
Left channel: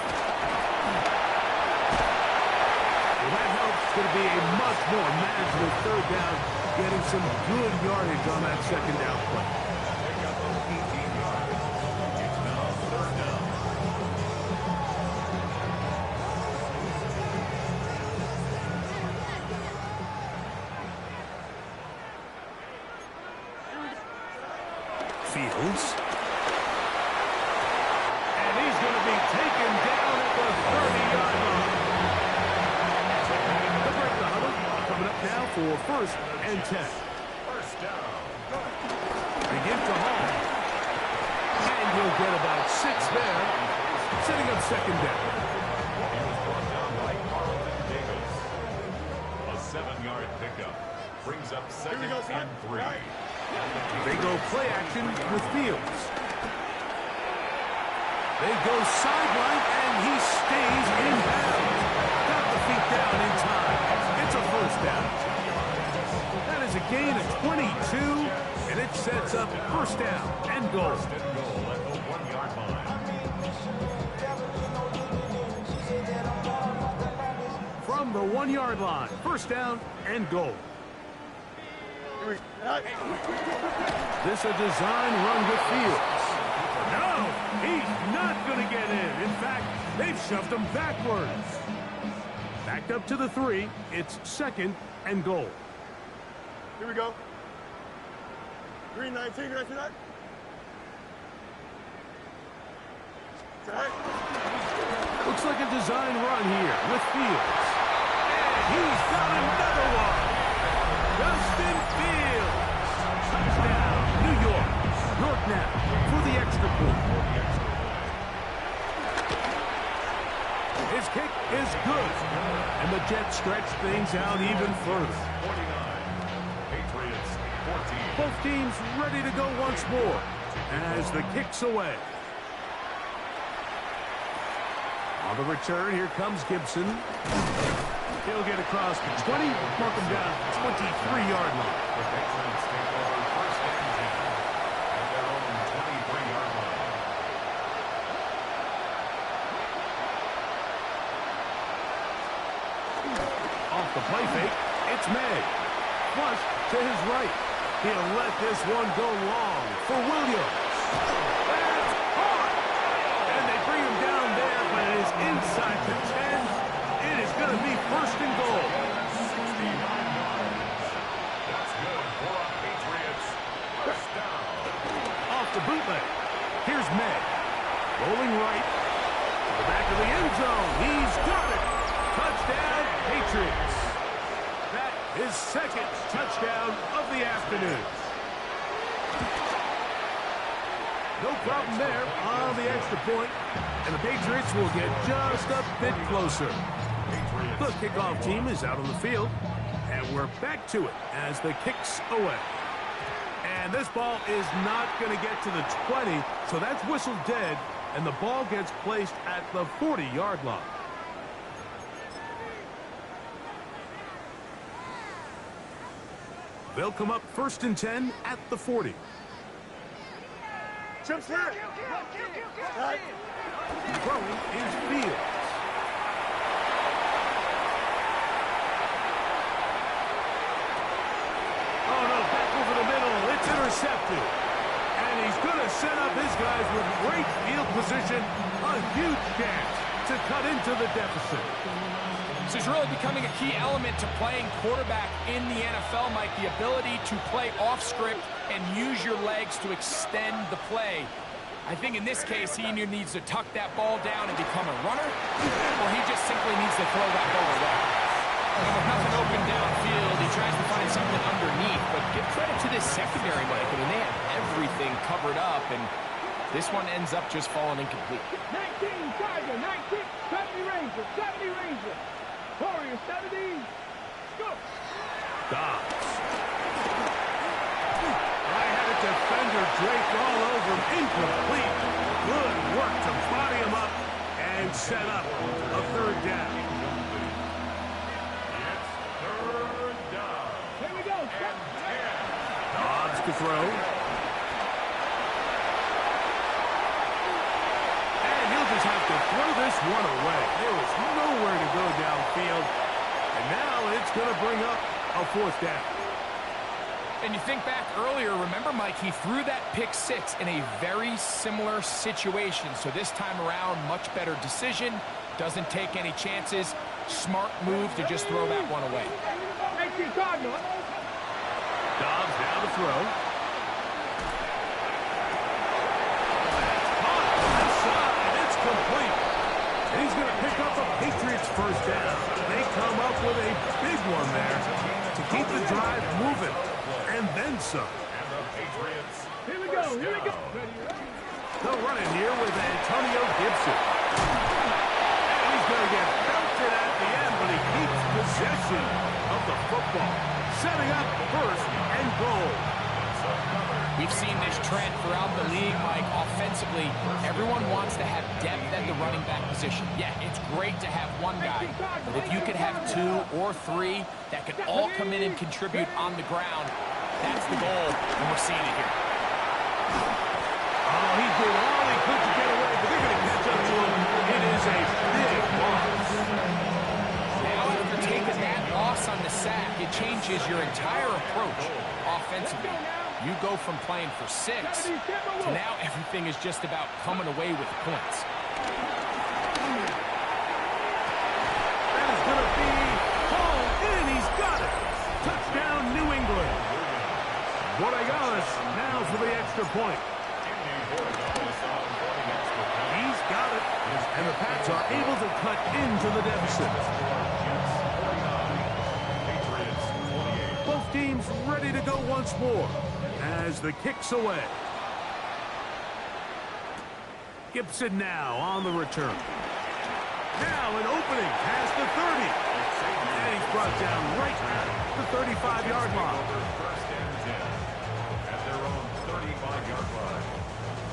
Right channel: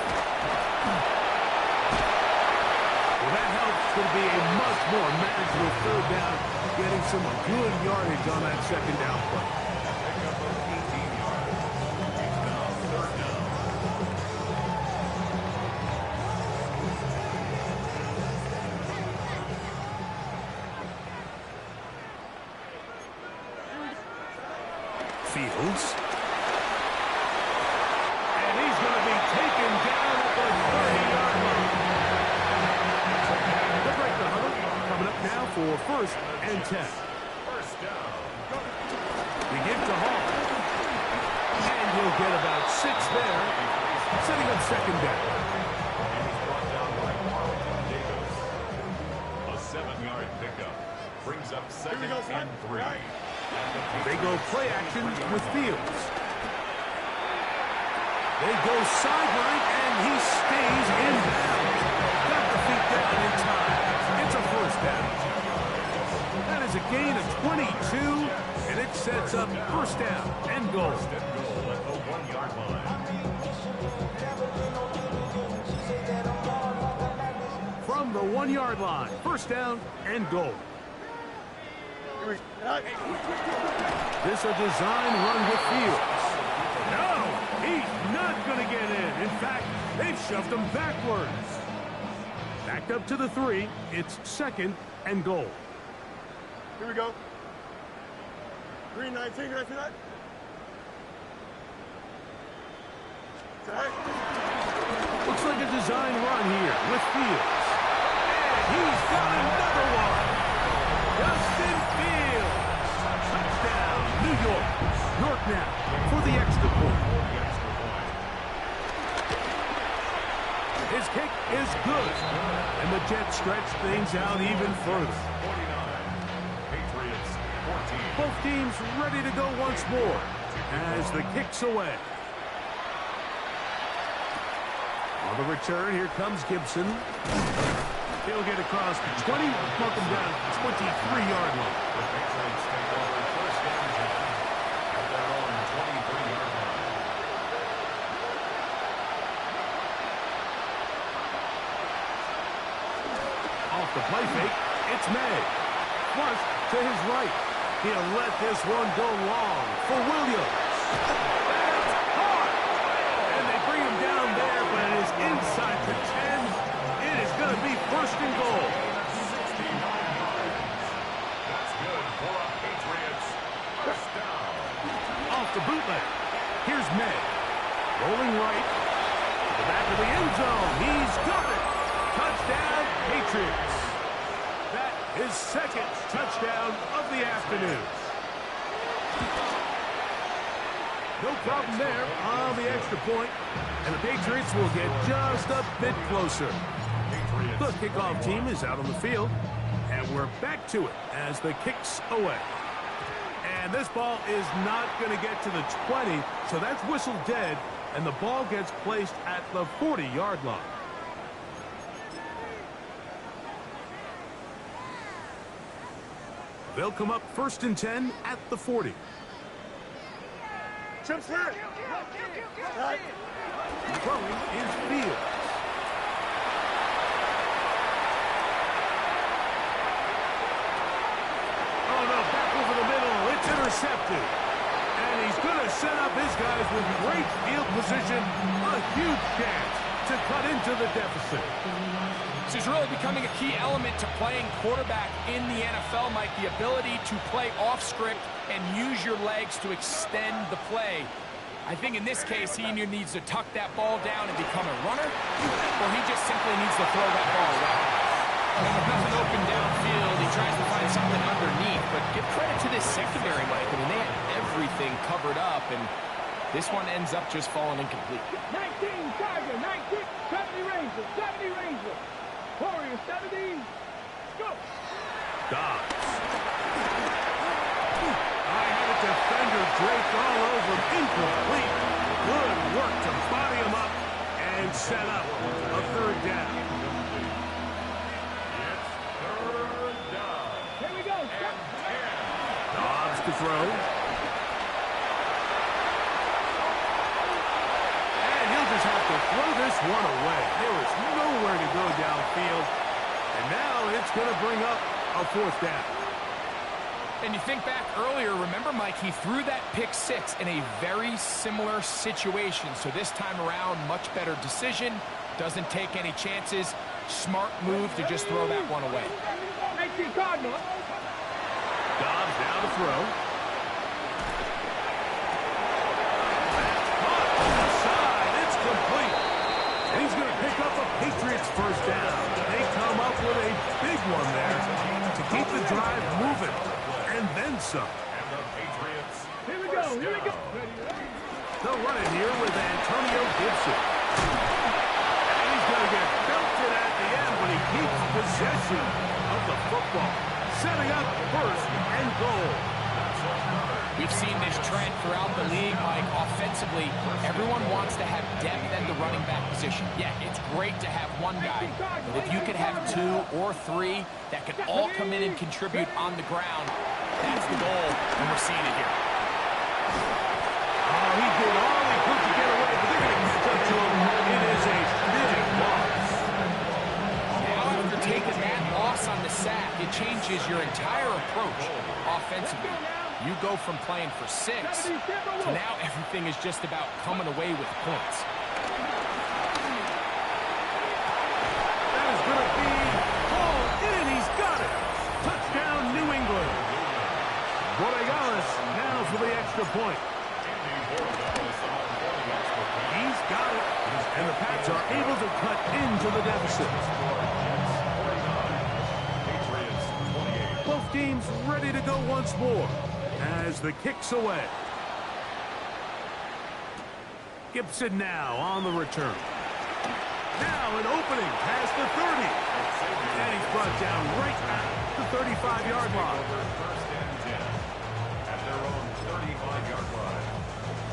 Well, that helps. It's going to be a much more manageable 3rd down, getting some good yardage on that 2nd down play. Pickup of 18 yards. It's now 3rd down. Fields. And he's going to be taken down at the 30-yard line. They'll break the huddle. Coming up now for 1st and 10. First down. They give to Hall. And he'll get about 6 there, setting up 2nd down. He was brought down by Carlton Davis. A 7-yard pickup brings up 2nd and 3. They go play action with Fields. They go sideline, and he stays in bounds. Got the feet down in time. It's a first down. That is a gain of 22, and it sets up first down and goal. First and goal at the 1-yard line. From the 1-yard line, first down and goal. This a design run with Fields. No, he's not going to get in. In fact, they've shoved him backwards. Backed up to the 3. It's 2nd and goal. Here we go. Green 19, you ready for that? Looks like a design run here with Fields. And he's got another one. Justin Fields. Touchdown, New York. York now for the extra point. His kick is good. And the Jets stretch things out even further. 49. Patriots 14. Both teams ready to go once more as the kick's away. On the return, here comes Gibson. He'll get across the 20, mark him down at the 23-yard line. The Patriots take over 1st and 10 at their own 23-yard line. Off the play fake, it's May. Flush to his right. He'll let this one go long for Williams. That's hard. And they bring him down there, but it is inside the 10. It is going to be 1st and goal. 69 yards. That's good for a Patriots first down. Off the bootleg. Here's May. Rolling right to the back of the end zone. He's got it. Touchdown, Patriots. That is 2nd touchdown of the afternoon. No problem there on the extra point, and the Patriots will get just a bit closer. The kickoff team is out on the field, and we're back to it as the kick's away. And this ball is not going to get to the 20, so that's whistled dead, and the ball gets placed at the 40-yard line. They'll come up 1st and 10 at the 40. Trips here. Throwing is Fields. Oh, no, back over the middle. It's intercepted. And he's going to set up his guys with great field position. A huge chance to cut into the deficit. This is really becoming a key element to playing quarterback in the NFL, Mike. The ability to play off script and use your legs to extend the play. I think in this case, he either needs to tuck that ball down and become a runner, or he just simply needs to throw that ball away. And with nothing open downfield, he tries to find something underneath. But give credit to this secondary, Mike. I mean, they had everything covered up, and this one ends up just falling incomplete. 19 Tiger, 19, 70 Ranger, 70 Ranger. Warrior 70. Go. Dobbs. I had a defender draped all over him. Incomplete. Good work to body him up and set up a third down. It's third down. Here we go. And 10. Dobbs to throw. And he'll just have to throw this one away. There was nowhere to go downfield. And now it's going to bring up a fourth down. And you think back earlier, remember, Mike, he threw that pick six in a very similar situation. So this time around, much better decision. Doesn't take any chances. Smart move to just throw that one away. 19 Cardinal. Dobbs now to throw. That's caught outside. It's complete. And he's going to pick up a Patriots first down. They come up with a big one there to keep the drive moving. And then some. And the Patriots. Here we go. Here we go. They'll run it here with Antonio Gibson. And he's going to get belted at the end, but he keeps possession of the football. Setting up first and goal. We've seen this trend throughout the league, Mike. Offensively, everyone wants to have depth at the running back position. Yeah, it's great to have one guy, but if you could have two or three that could all come in and contribute on the ground, that's the goal, and we're seeing it here. Oh, he did all he could to get away, but they're going to catch up to him. It is a big loss. Now, after taking that loss on the sack, it changes your entire approach offensively. You go from playing for 6 to now everything is just about coming away with points. That is going to be hauled in. He's got it. Touchdown, New England. Borregales now for the extra point. He's got it. And the Pats are able to cut into the deficit. Both teams ready to go once more as the kick's away. Gibson now on the return. Now an opening past the 30. And he's brought down right at the 35-yard line. First and 10 at their own 35-yard line.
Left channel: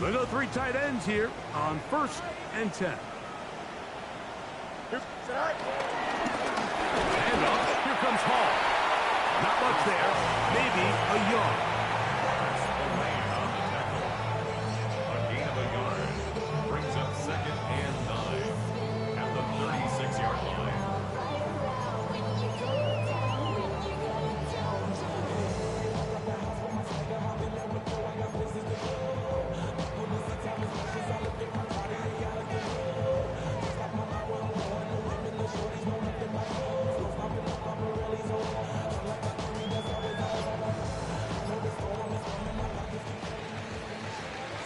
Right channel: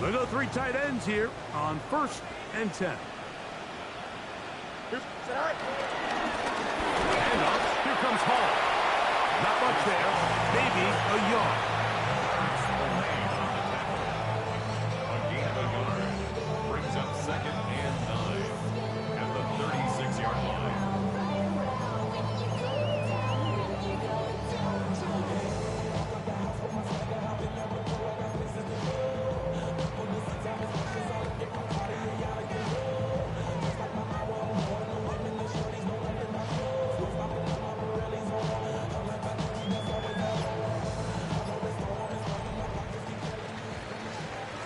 They go three tight ends here on first and 10. And up. Here comes Hall. Not much there. Maybe a yard. Marks the lane on the tackle. A gain of a yard brings up second and 9 at the 36-yard line.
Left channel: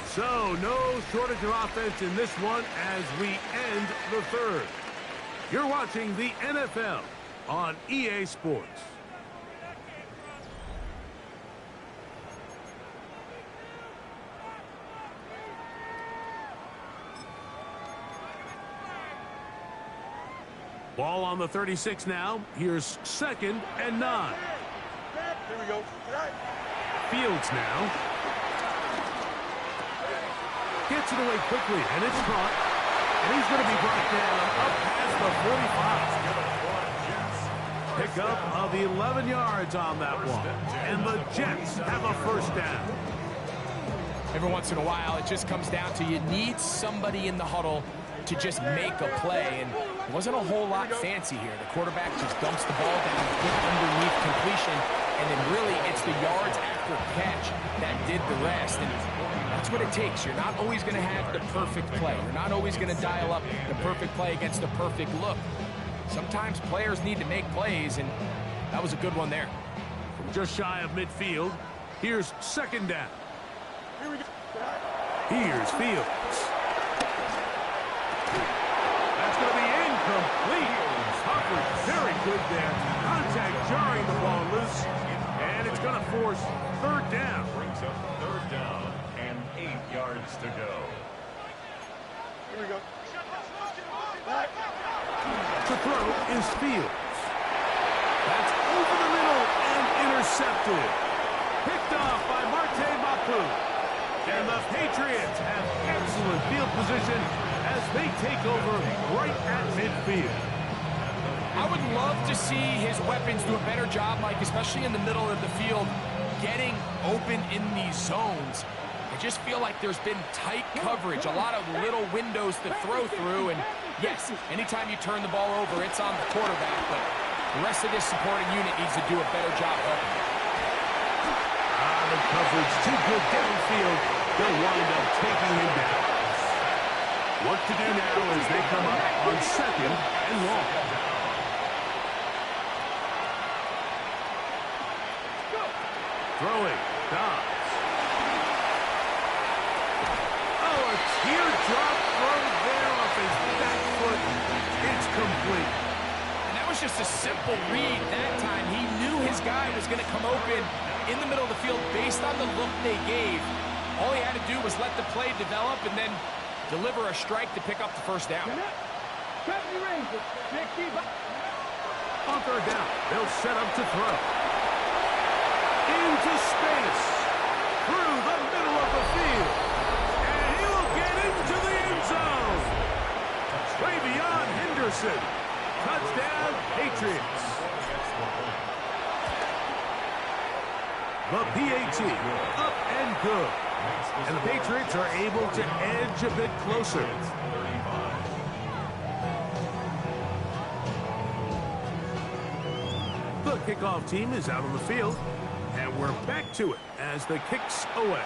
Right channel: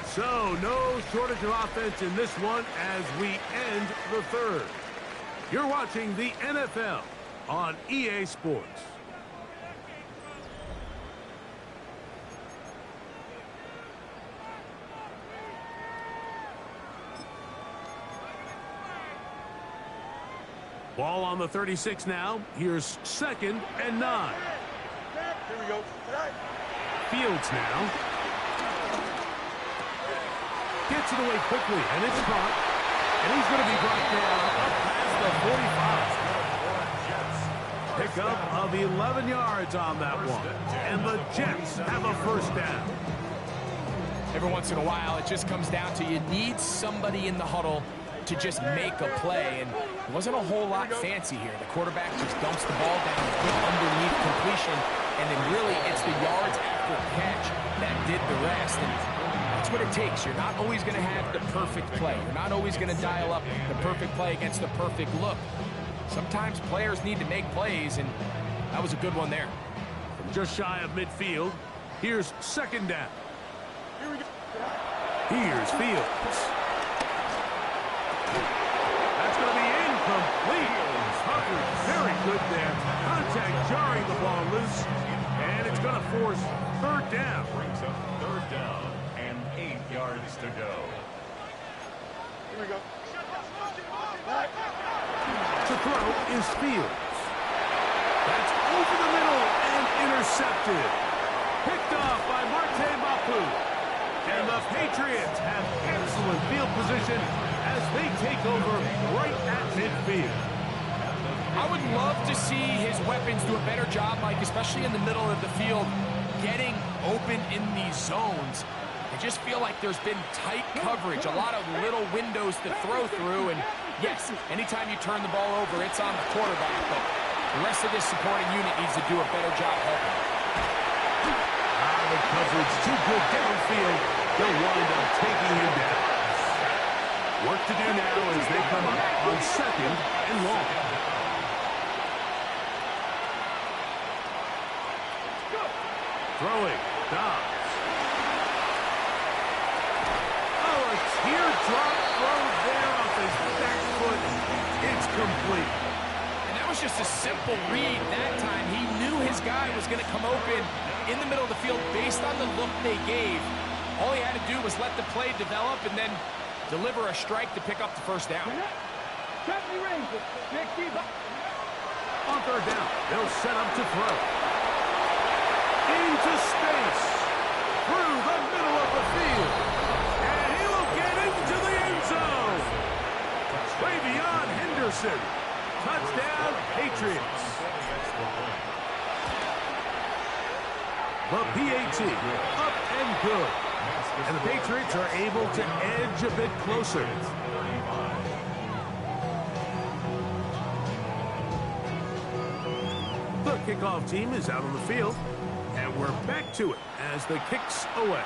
So, no shortage of offense in this one as we end the third. You're watching the NFL on EA Sports. Ball on the 36 now. Here's second and 9. Here we go. Fields now. Gets it away quickly, and it's caught. And he's going to be brought down up past the 45. Pickup of 11 yards on that one. And the Jets have a first down. Every once in a while, it just comes down to you need somebody in the huddle to just make a play, and it wasn't a whole lot fancy here. The quarterback just dumps the ball down, a good underneath completion, and then really it's the yards after catch that did the rest. And That's what it takes. You're not always going to have the perfect play. You're not always going to dial up the perfect play against the perfect look. Sometimes players need to make plays, and that was a good one there. From just shy of midfield, here's second down. Here we go. Here's Fields. That's going to be incomplete. Coverage very good there. Contact jarring the ball loose. And it's going to force third down. Brings up third down and 8 yards to go. Here we go. To throw is Fields. That's over the middle and intercepted. Picked off by Marte Mapu. And the Patriots have excellent field position as they take over right at midfield. I would love to see his weapons do a better job, Mike, especially in the middle of the field, getting open in these zones. I just feel like there's been tight coverage, a lot of little windows to throw through, and yes, anytime you turn the ball over, it's on the quarterback, but the rest of this supporting unit needs to do a better job helping. The coverage too good downfield. They'll wind up taking him down. Work to do now as they come up on second and long. Throwing, Dobbs. Oh, a teardrop throw there off his back foot. It's complete. And that was just a simple read that time. He knew his guy was going to come open in the middle of the field based on the look they gave. All he had to do was let the play develop and then deliver a strike to pick up the first down. 70 Rangers. On third down, they'll set up to throw. Into space. Through the middle of the field. And he will get into the end zone. Travion Henderson. Touchdown, Patriots. The PAT, up and good. And the Patriots are able to edge a bit closer. The kickoff team is out on the field. And we're back to it as the kick's away.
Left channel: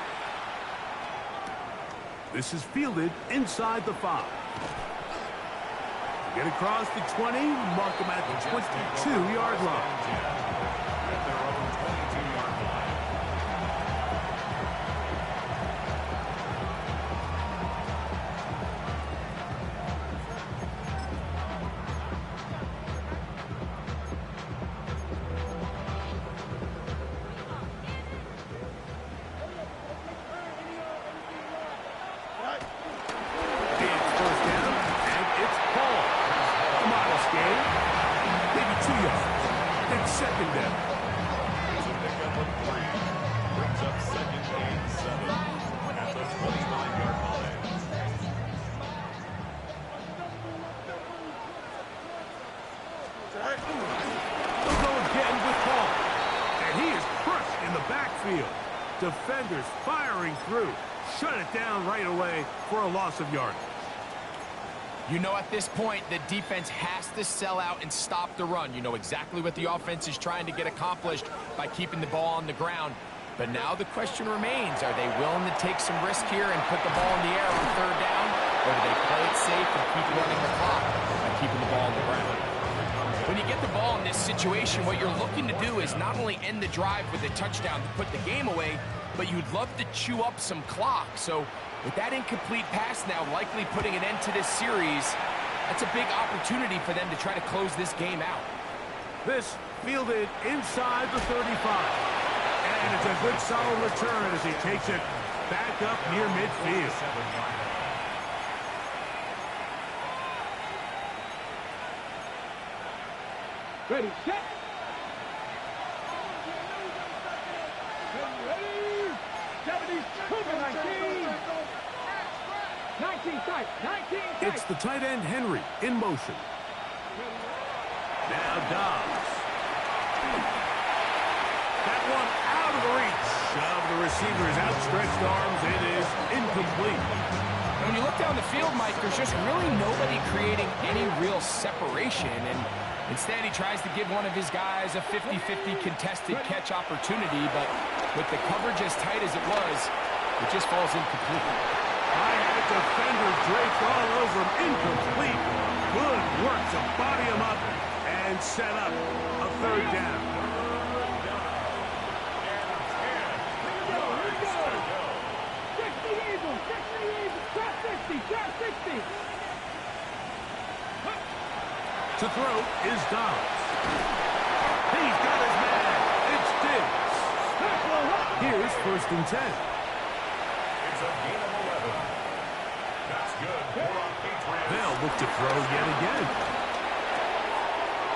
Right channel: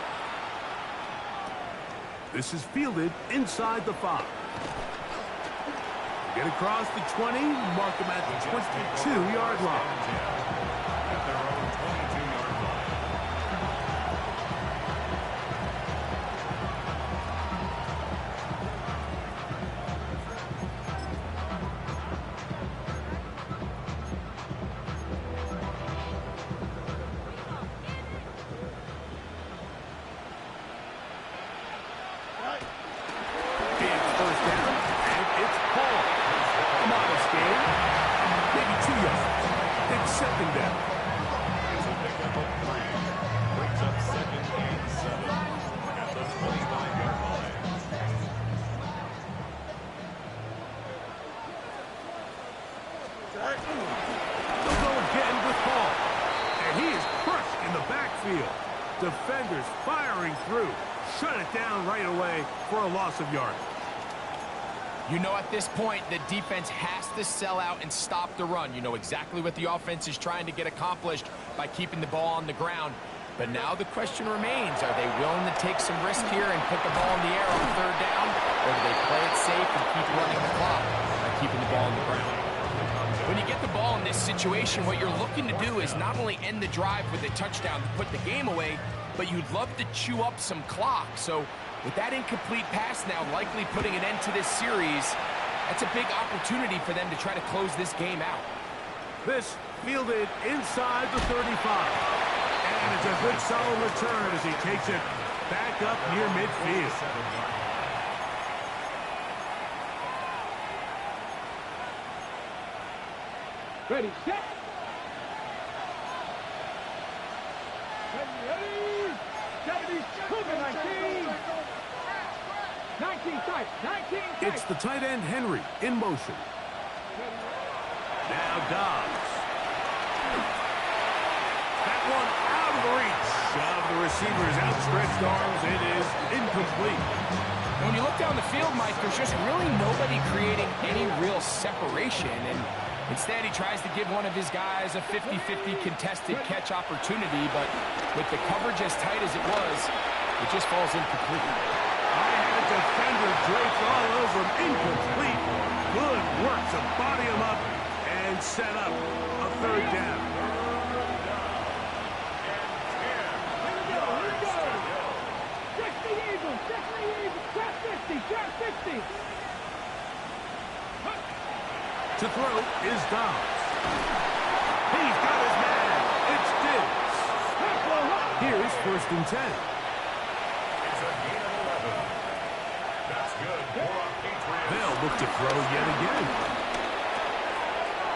This is fielded inside the 5. Get across the 20, mark them at the 22-yard line. At their own 22-yard line. It's first down, and it's Paul. A modest gain, maybe 2 yards. It's second down. It's a pickup of 3. Brings up second and 7 at the 25-yard line. They'll go again with Paul. And he is crushed in the backfield. Defenders firing through. Shut it down right away for a loss of yardage. You know at this point, the defense has to sell out and stop the run. You know exactly what the offense is trying to get accomplished by keeping the ball on the ground. But now the question remains, are they willing to take some risk here and put the ball in the air on third down? Or do they play it safe and keep running the clock by keeping the ball on the ground? When you get the ball in this situation, what you're looking to do is not only end the drive with a touchdown to put the game away, but you'd love to chew up some clock. So with that incomplete pass now likely putting an end to this series, that's a big opportunity for them to try to close this game out. This fielded inside the 35. And it's a good solid return as he takes it back up near midfield. Ready, set. Ready. 70 Cougar 19. 19 tight. 19 tight. It's the tight end Henry in motion. Now Dobbs. That one out of the reach of the receiver's outstretched arms. It is incomplete. And when you look down the field, Mike, there's just really nobody creating any real separation. And instead, he tries to give one of his guys a 50-50 contested catch opportunity. But with the coverage as tight as it was, It just falls incomplete. I had a defender draped all over him. Incomplete. Good work to body him up and set up a third down. Here we go. 60 Eagles, drop 50, drop 60. To throw is Dobbs. He's got his man. It's Diggs. Here's 1st and 10. It's a gain of 11. That's good for a Patriots. They'll look to throw yet again.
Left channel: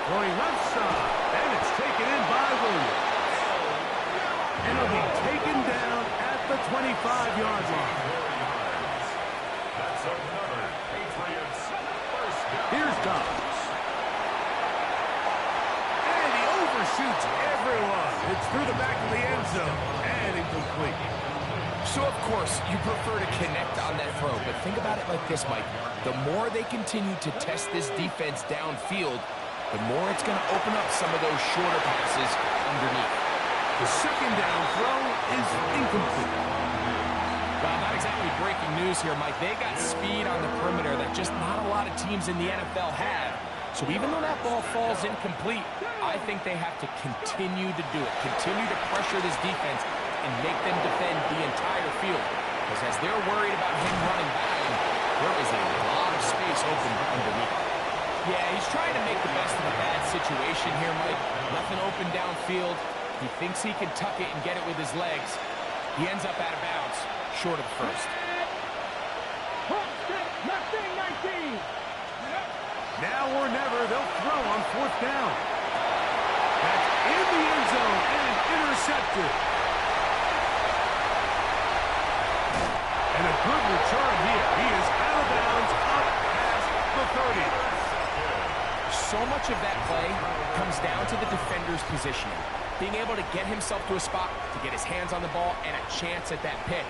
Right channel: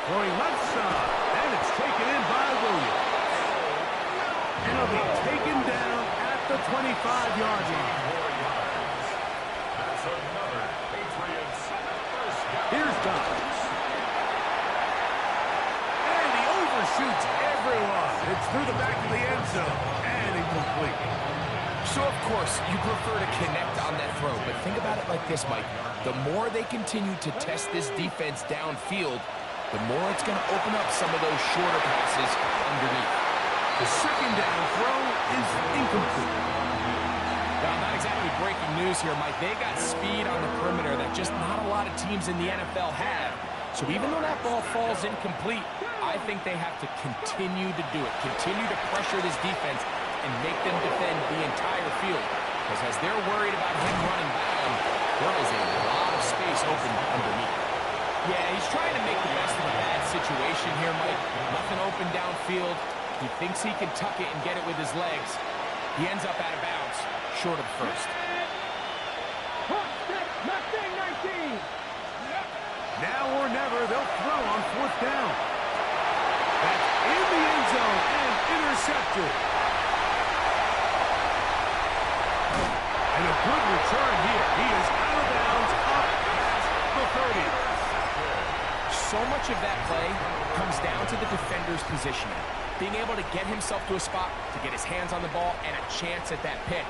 Throwing left side, and it's taken in by Williams. And it'll be taken down at the 25-yard line. 4 yards. That's another Patriots first down. Here's Dobbs. And he overshoots everyone. It's through the back of the end zone and incomplete. So, of course, you prefer to connect on that throw, but think about it like this, Mike. The more they continue to test this defense downfield, the more it's going to open up some of those shorter passes underneath. The 2nd down throw is incomplete. Well, not exactly breaking news here, Mike. They got speed on the perimeter that just not a lot of teams in the NFL have. So even though that ball falls incomplete, I think they have to continue to do it, continue to pressure this defense and make them defend the entire field. Because as they're worried about him running back, there is a lot of space open underneath. Yeah, he's trying to make the best of a bad situation here, Mike. Nothing open downfield. He thinks he can tuck it and get it with his legs. He ends up out of bounds, short of the first. Mustang 19. Now or never, they'll throw on 4th down. That's in the end zone and intercepted. And a good return here. He is out of bounds up past the 30. So much of that play comes down to the defender's positioning. Being able to get himself to a spot, to get his hands on the ball, and a chance at that pick.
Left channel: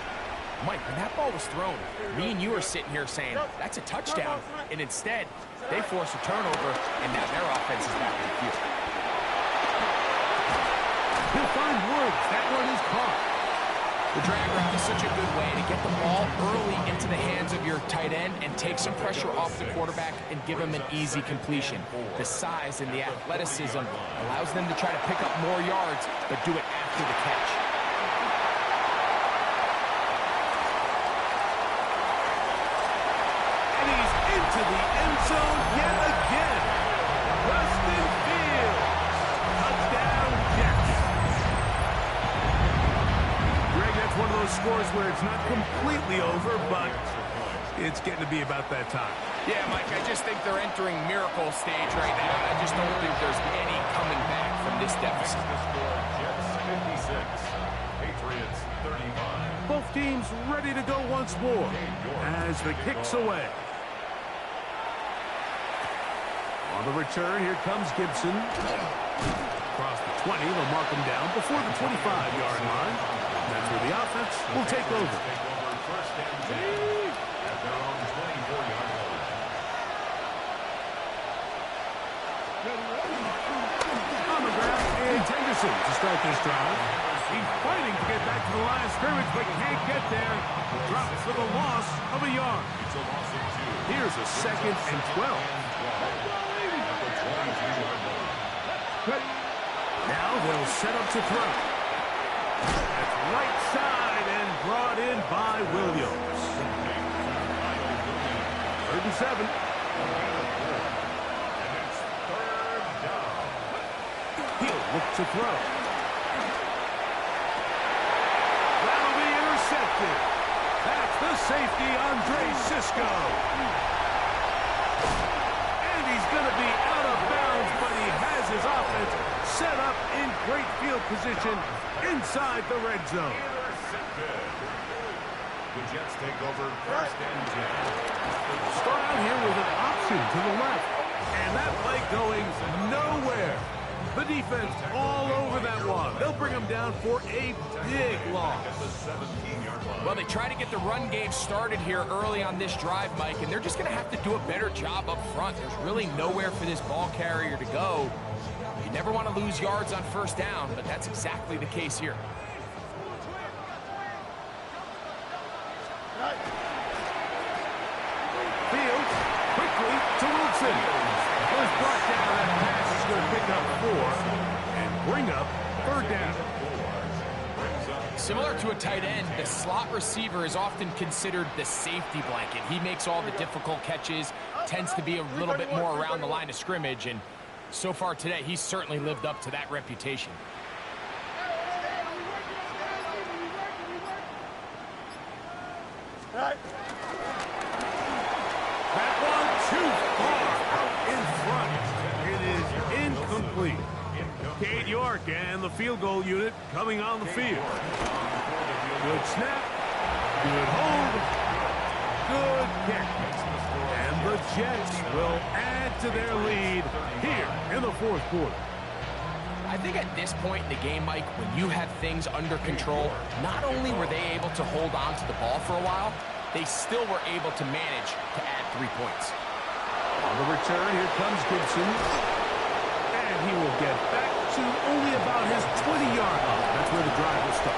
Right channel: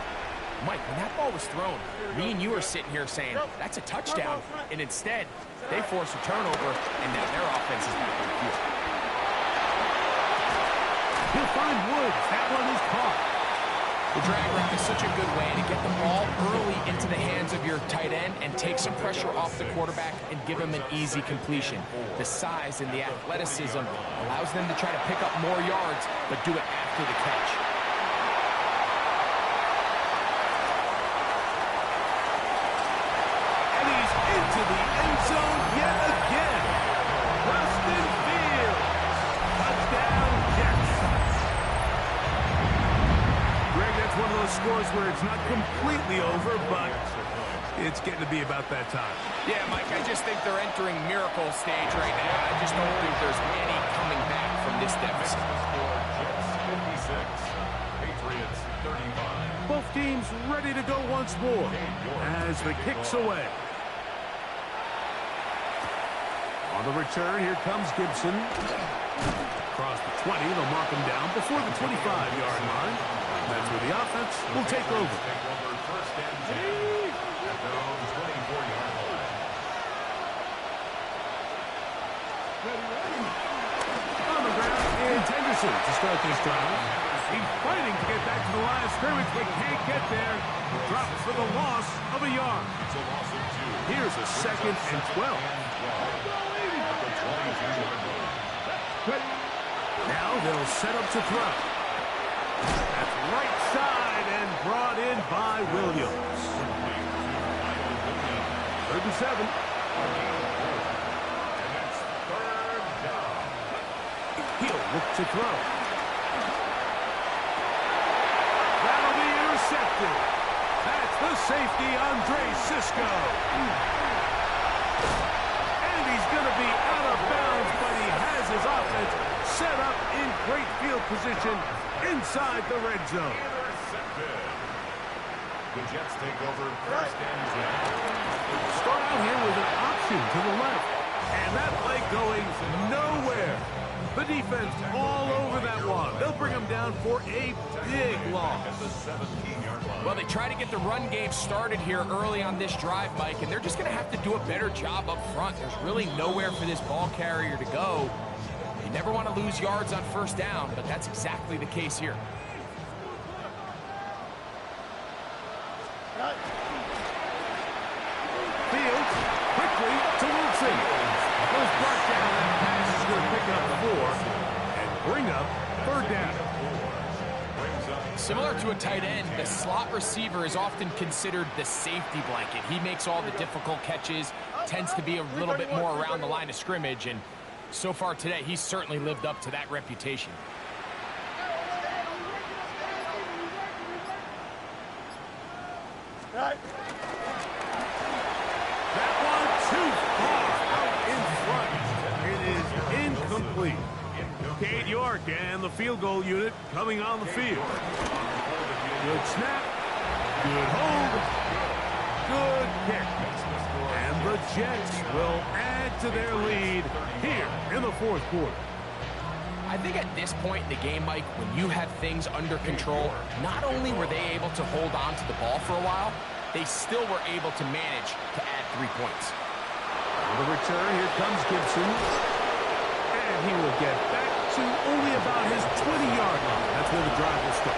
Mike, when that ball was thrown, me and you are sitting here saying, that's a touchdown. And instead, they force a turnover, and now their offense is back in the field. He'll find Woods. That one is caught. The drag route is such a good way to get the ball early into the hands of your tight end and take some pressure off the quarterback and give him an easy completion. The size and the athleticism allows them to try to pick up more yards, but do it after the catch. And he's into the end zone yet again. Justin Fields. Touchdown, Jets. Greg, that's one of those scores where it's not completely over, but it's getting to be about that time. Yeah, Mike, I just think they're entering miracle stage right now. I just don't think there's any coming back from this deficit. The score, Jets 56, Patriots 35. Both teams ready to go once more as the kick's away. On the return, here comes Gibson. Across the 20, they'll mark him down before the 25-yard line. That's where the offense will take over. Take over 1st and 10 at their own 24-yard line. On the ground is Henderson to start this drive. He's fighting to get back to the line of scrimmage, but can't get there. Drops for the loss of a yard. It's a loss of 2. Here's a 2nd and 12. At the 22-yard line. Now they'll set up to throw. That's right side and brought in by Williams. 3rd and 7. And it's 3rd down. He'll look to throw. That'll be intercepted. That's the safety, Andre Sisco. And he's going to be out of bounds, but he has his offense set up in great field position inside the red zone. Intercepted. The Jets take over 1st and 10. Start out here with an option to the left. And that play going nowhere. The defense all over that one. They'll bring him down for a big loss. At the 17-yard line. Well, they try to get the run game started here early on this drive, Mike, and they're just going to have to do a better job up front. There's really nowhere for this ball carrier to go. You never want to lose yards on 1st down, but that's exactly the case here. to Wilson. Was brought down. That pass is going to pick up 4 and bring up third down. Similar to a tight end, the slot receiver is often considered the safety blanket. He makes all the difficult catches, tends to be a little bit more around the line of scrimmage, and so far today, he's certainly lived up to that reputation. That one too far out in front. It is incomplete. Cade York and the field goal unit coming on the field. Good snap. Good hold. Good kick. And the Jets will add to their lead here in the fourth quarter. I think at this point in the game, Mike, when you have things under control, not only were they able to hold on to the ball for a while, they still were able to manage to add 3 points. On the return, here comes Gibson. And he will get back to only about his 20-yard line. That's where the drive will start.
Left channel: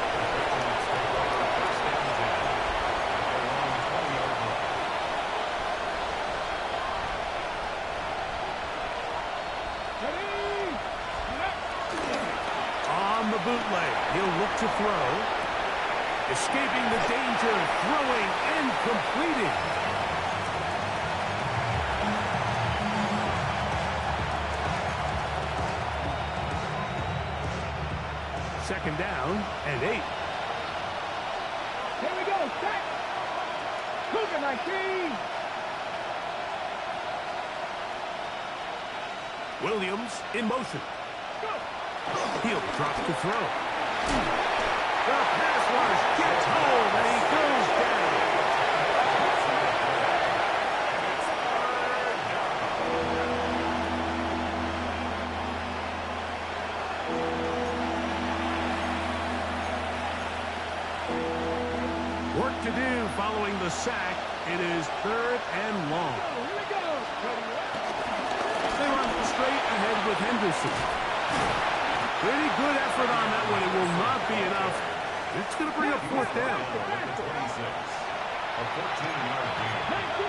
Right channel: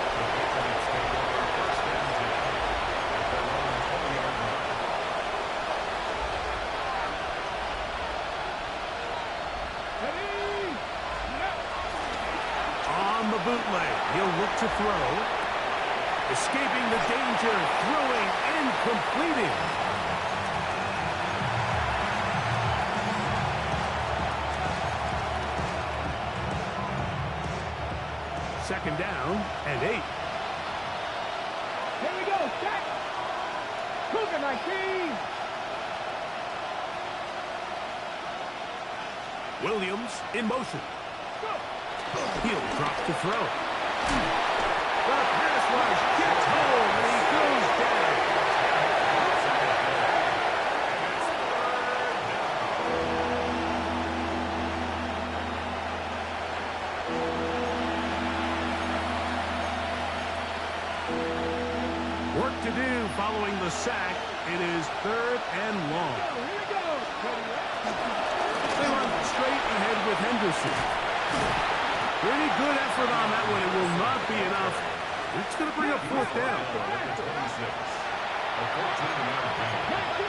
On the bootleg, he'll look to throw. Escaping the danger, throwing and completing. Second down and 8. Here we go, set. Cougar 19. Williams in motion. Go. He'll drop to throw. The pass rush gets home and he goes down. Work to do following the sack. It is third and long. Here we go. They run straight ahead with Henderson. Pretty good effort on that one. It will not be enough. It's going to bring up fourth down. A 14-yard gain.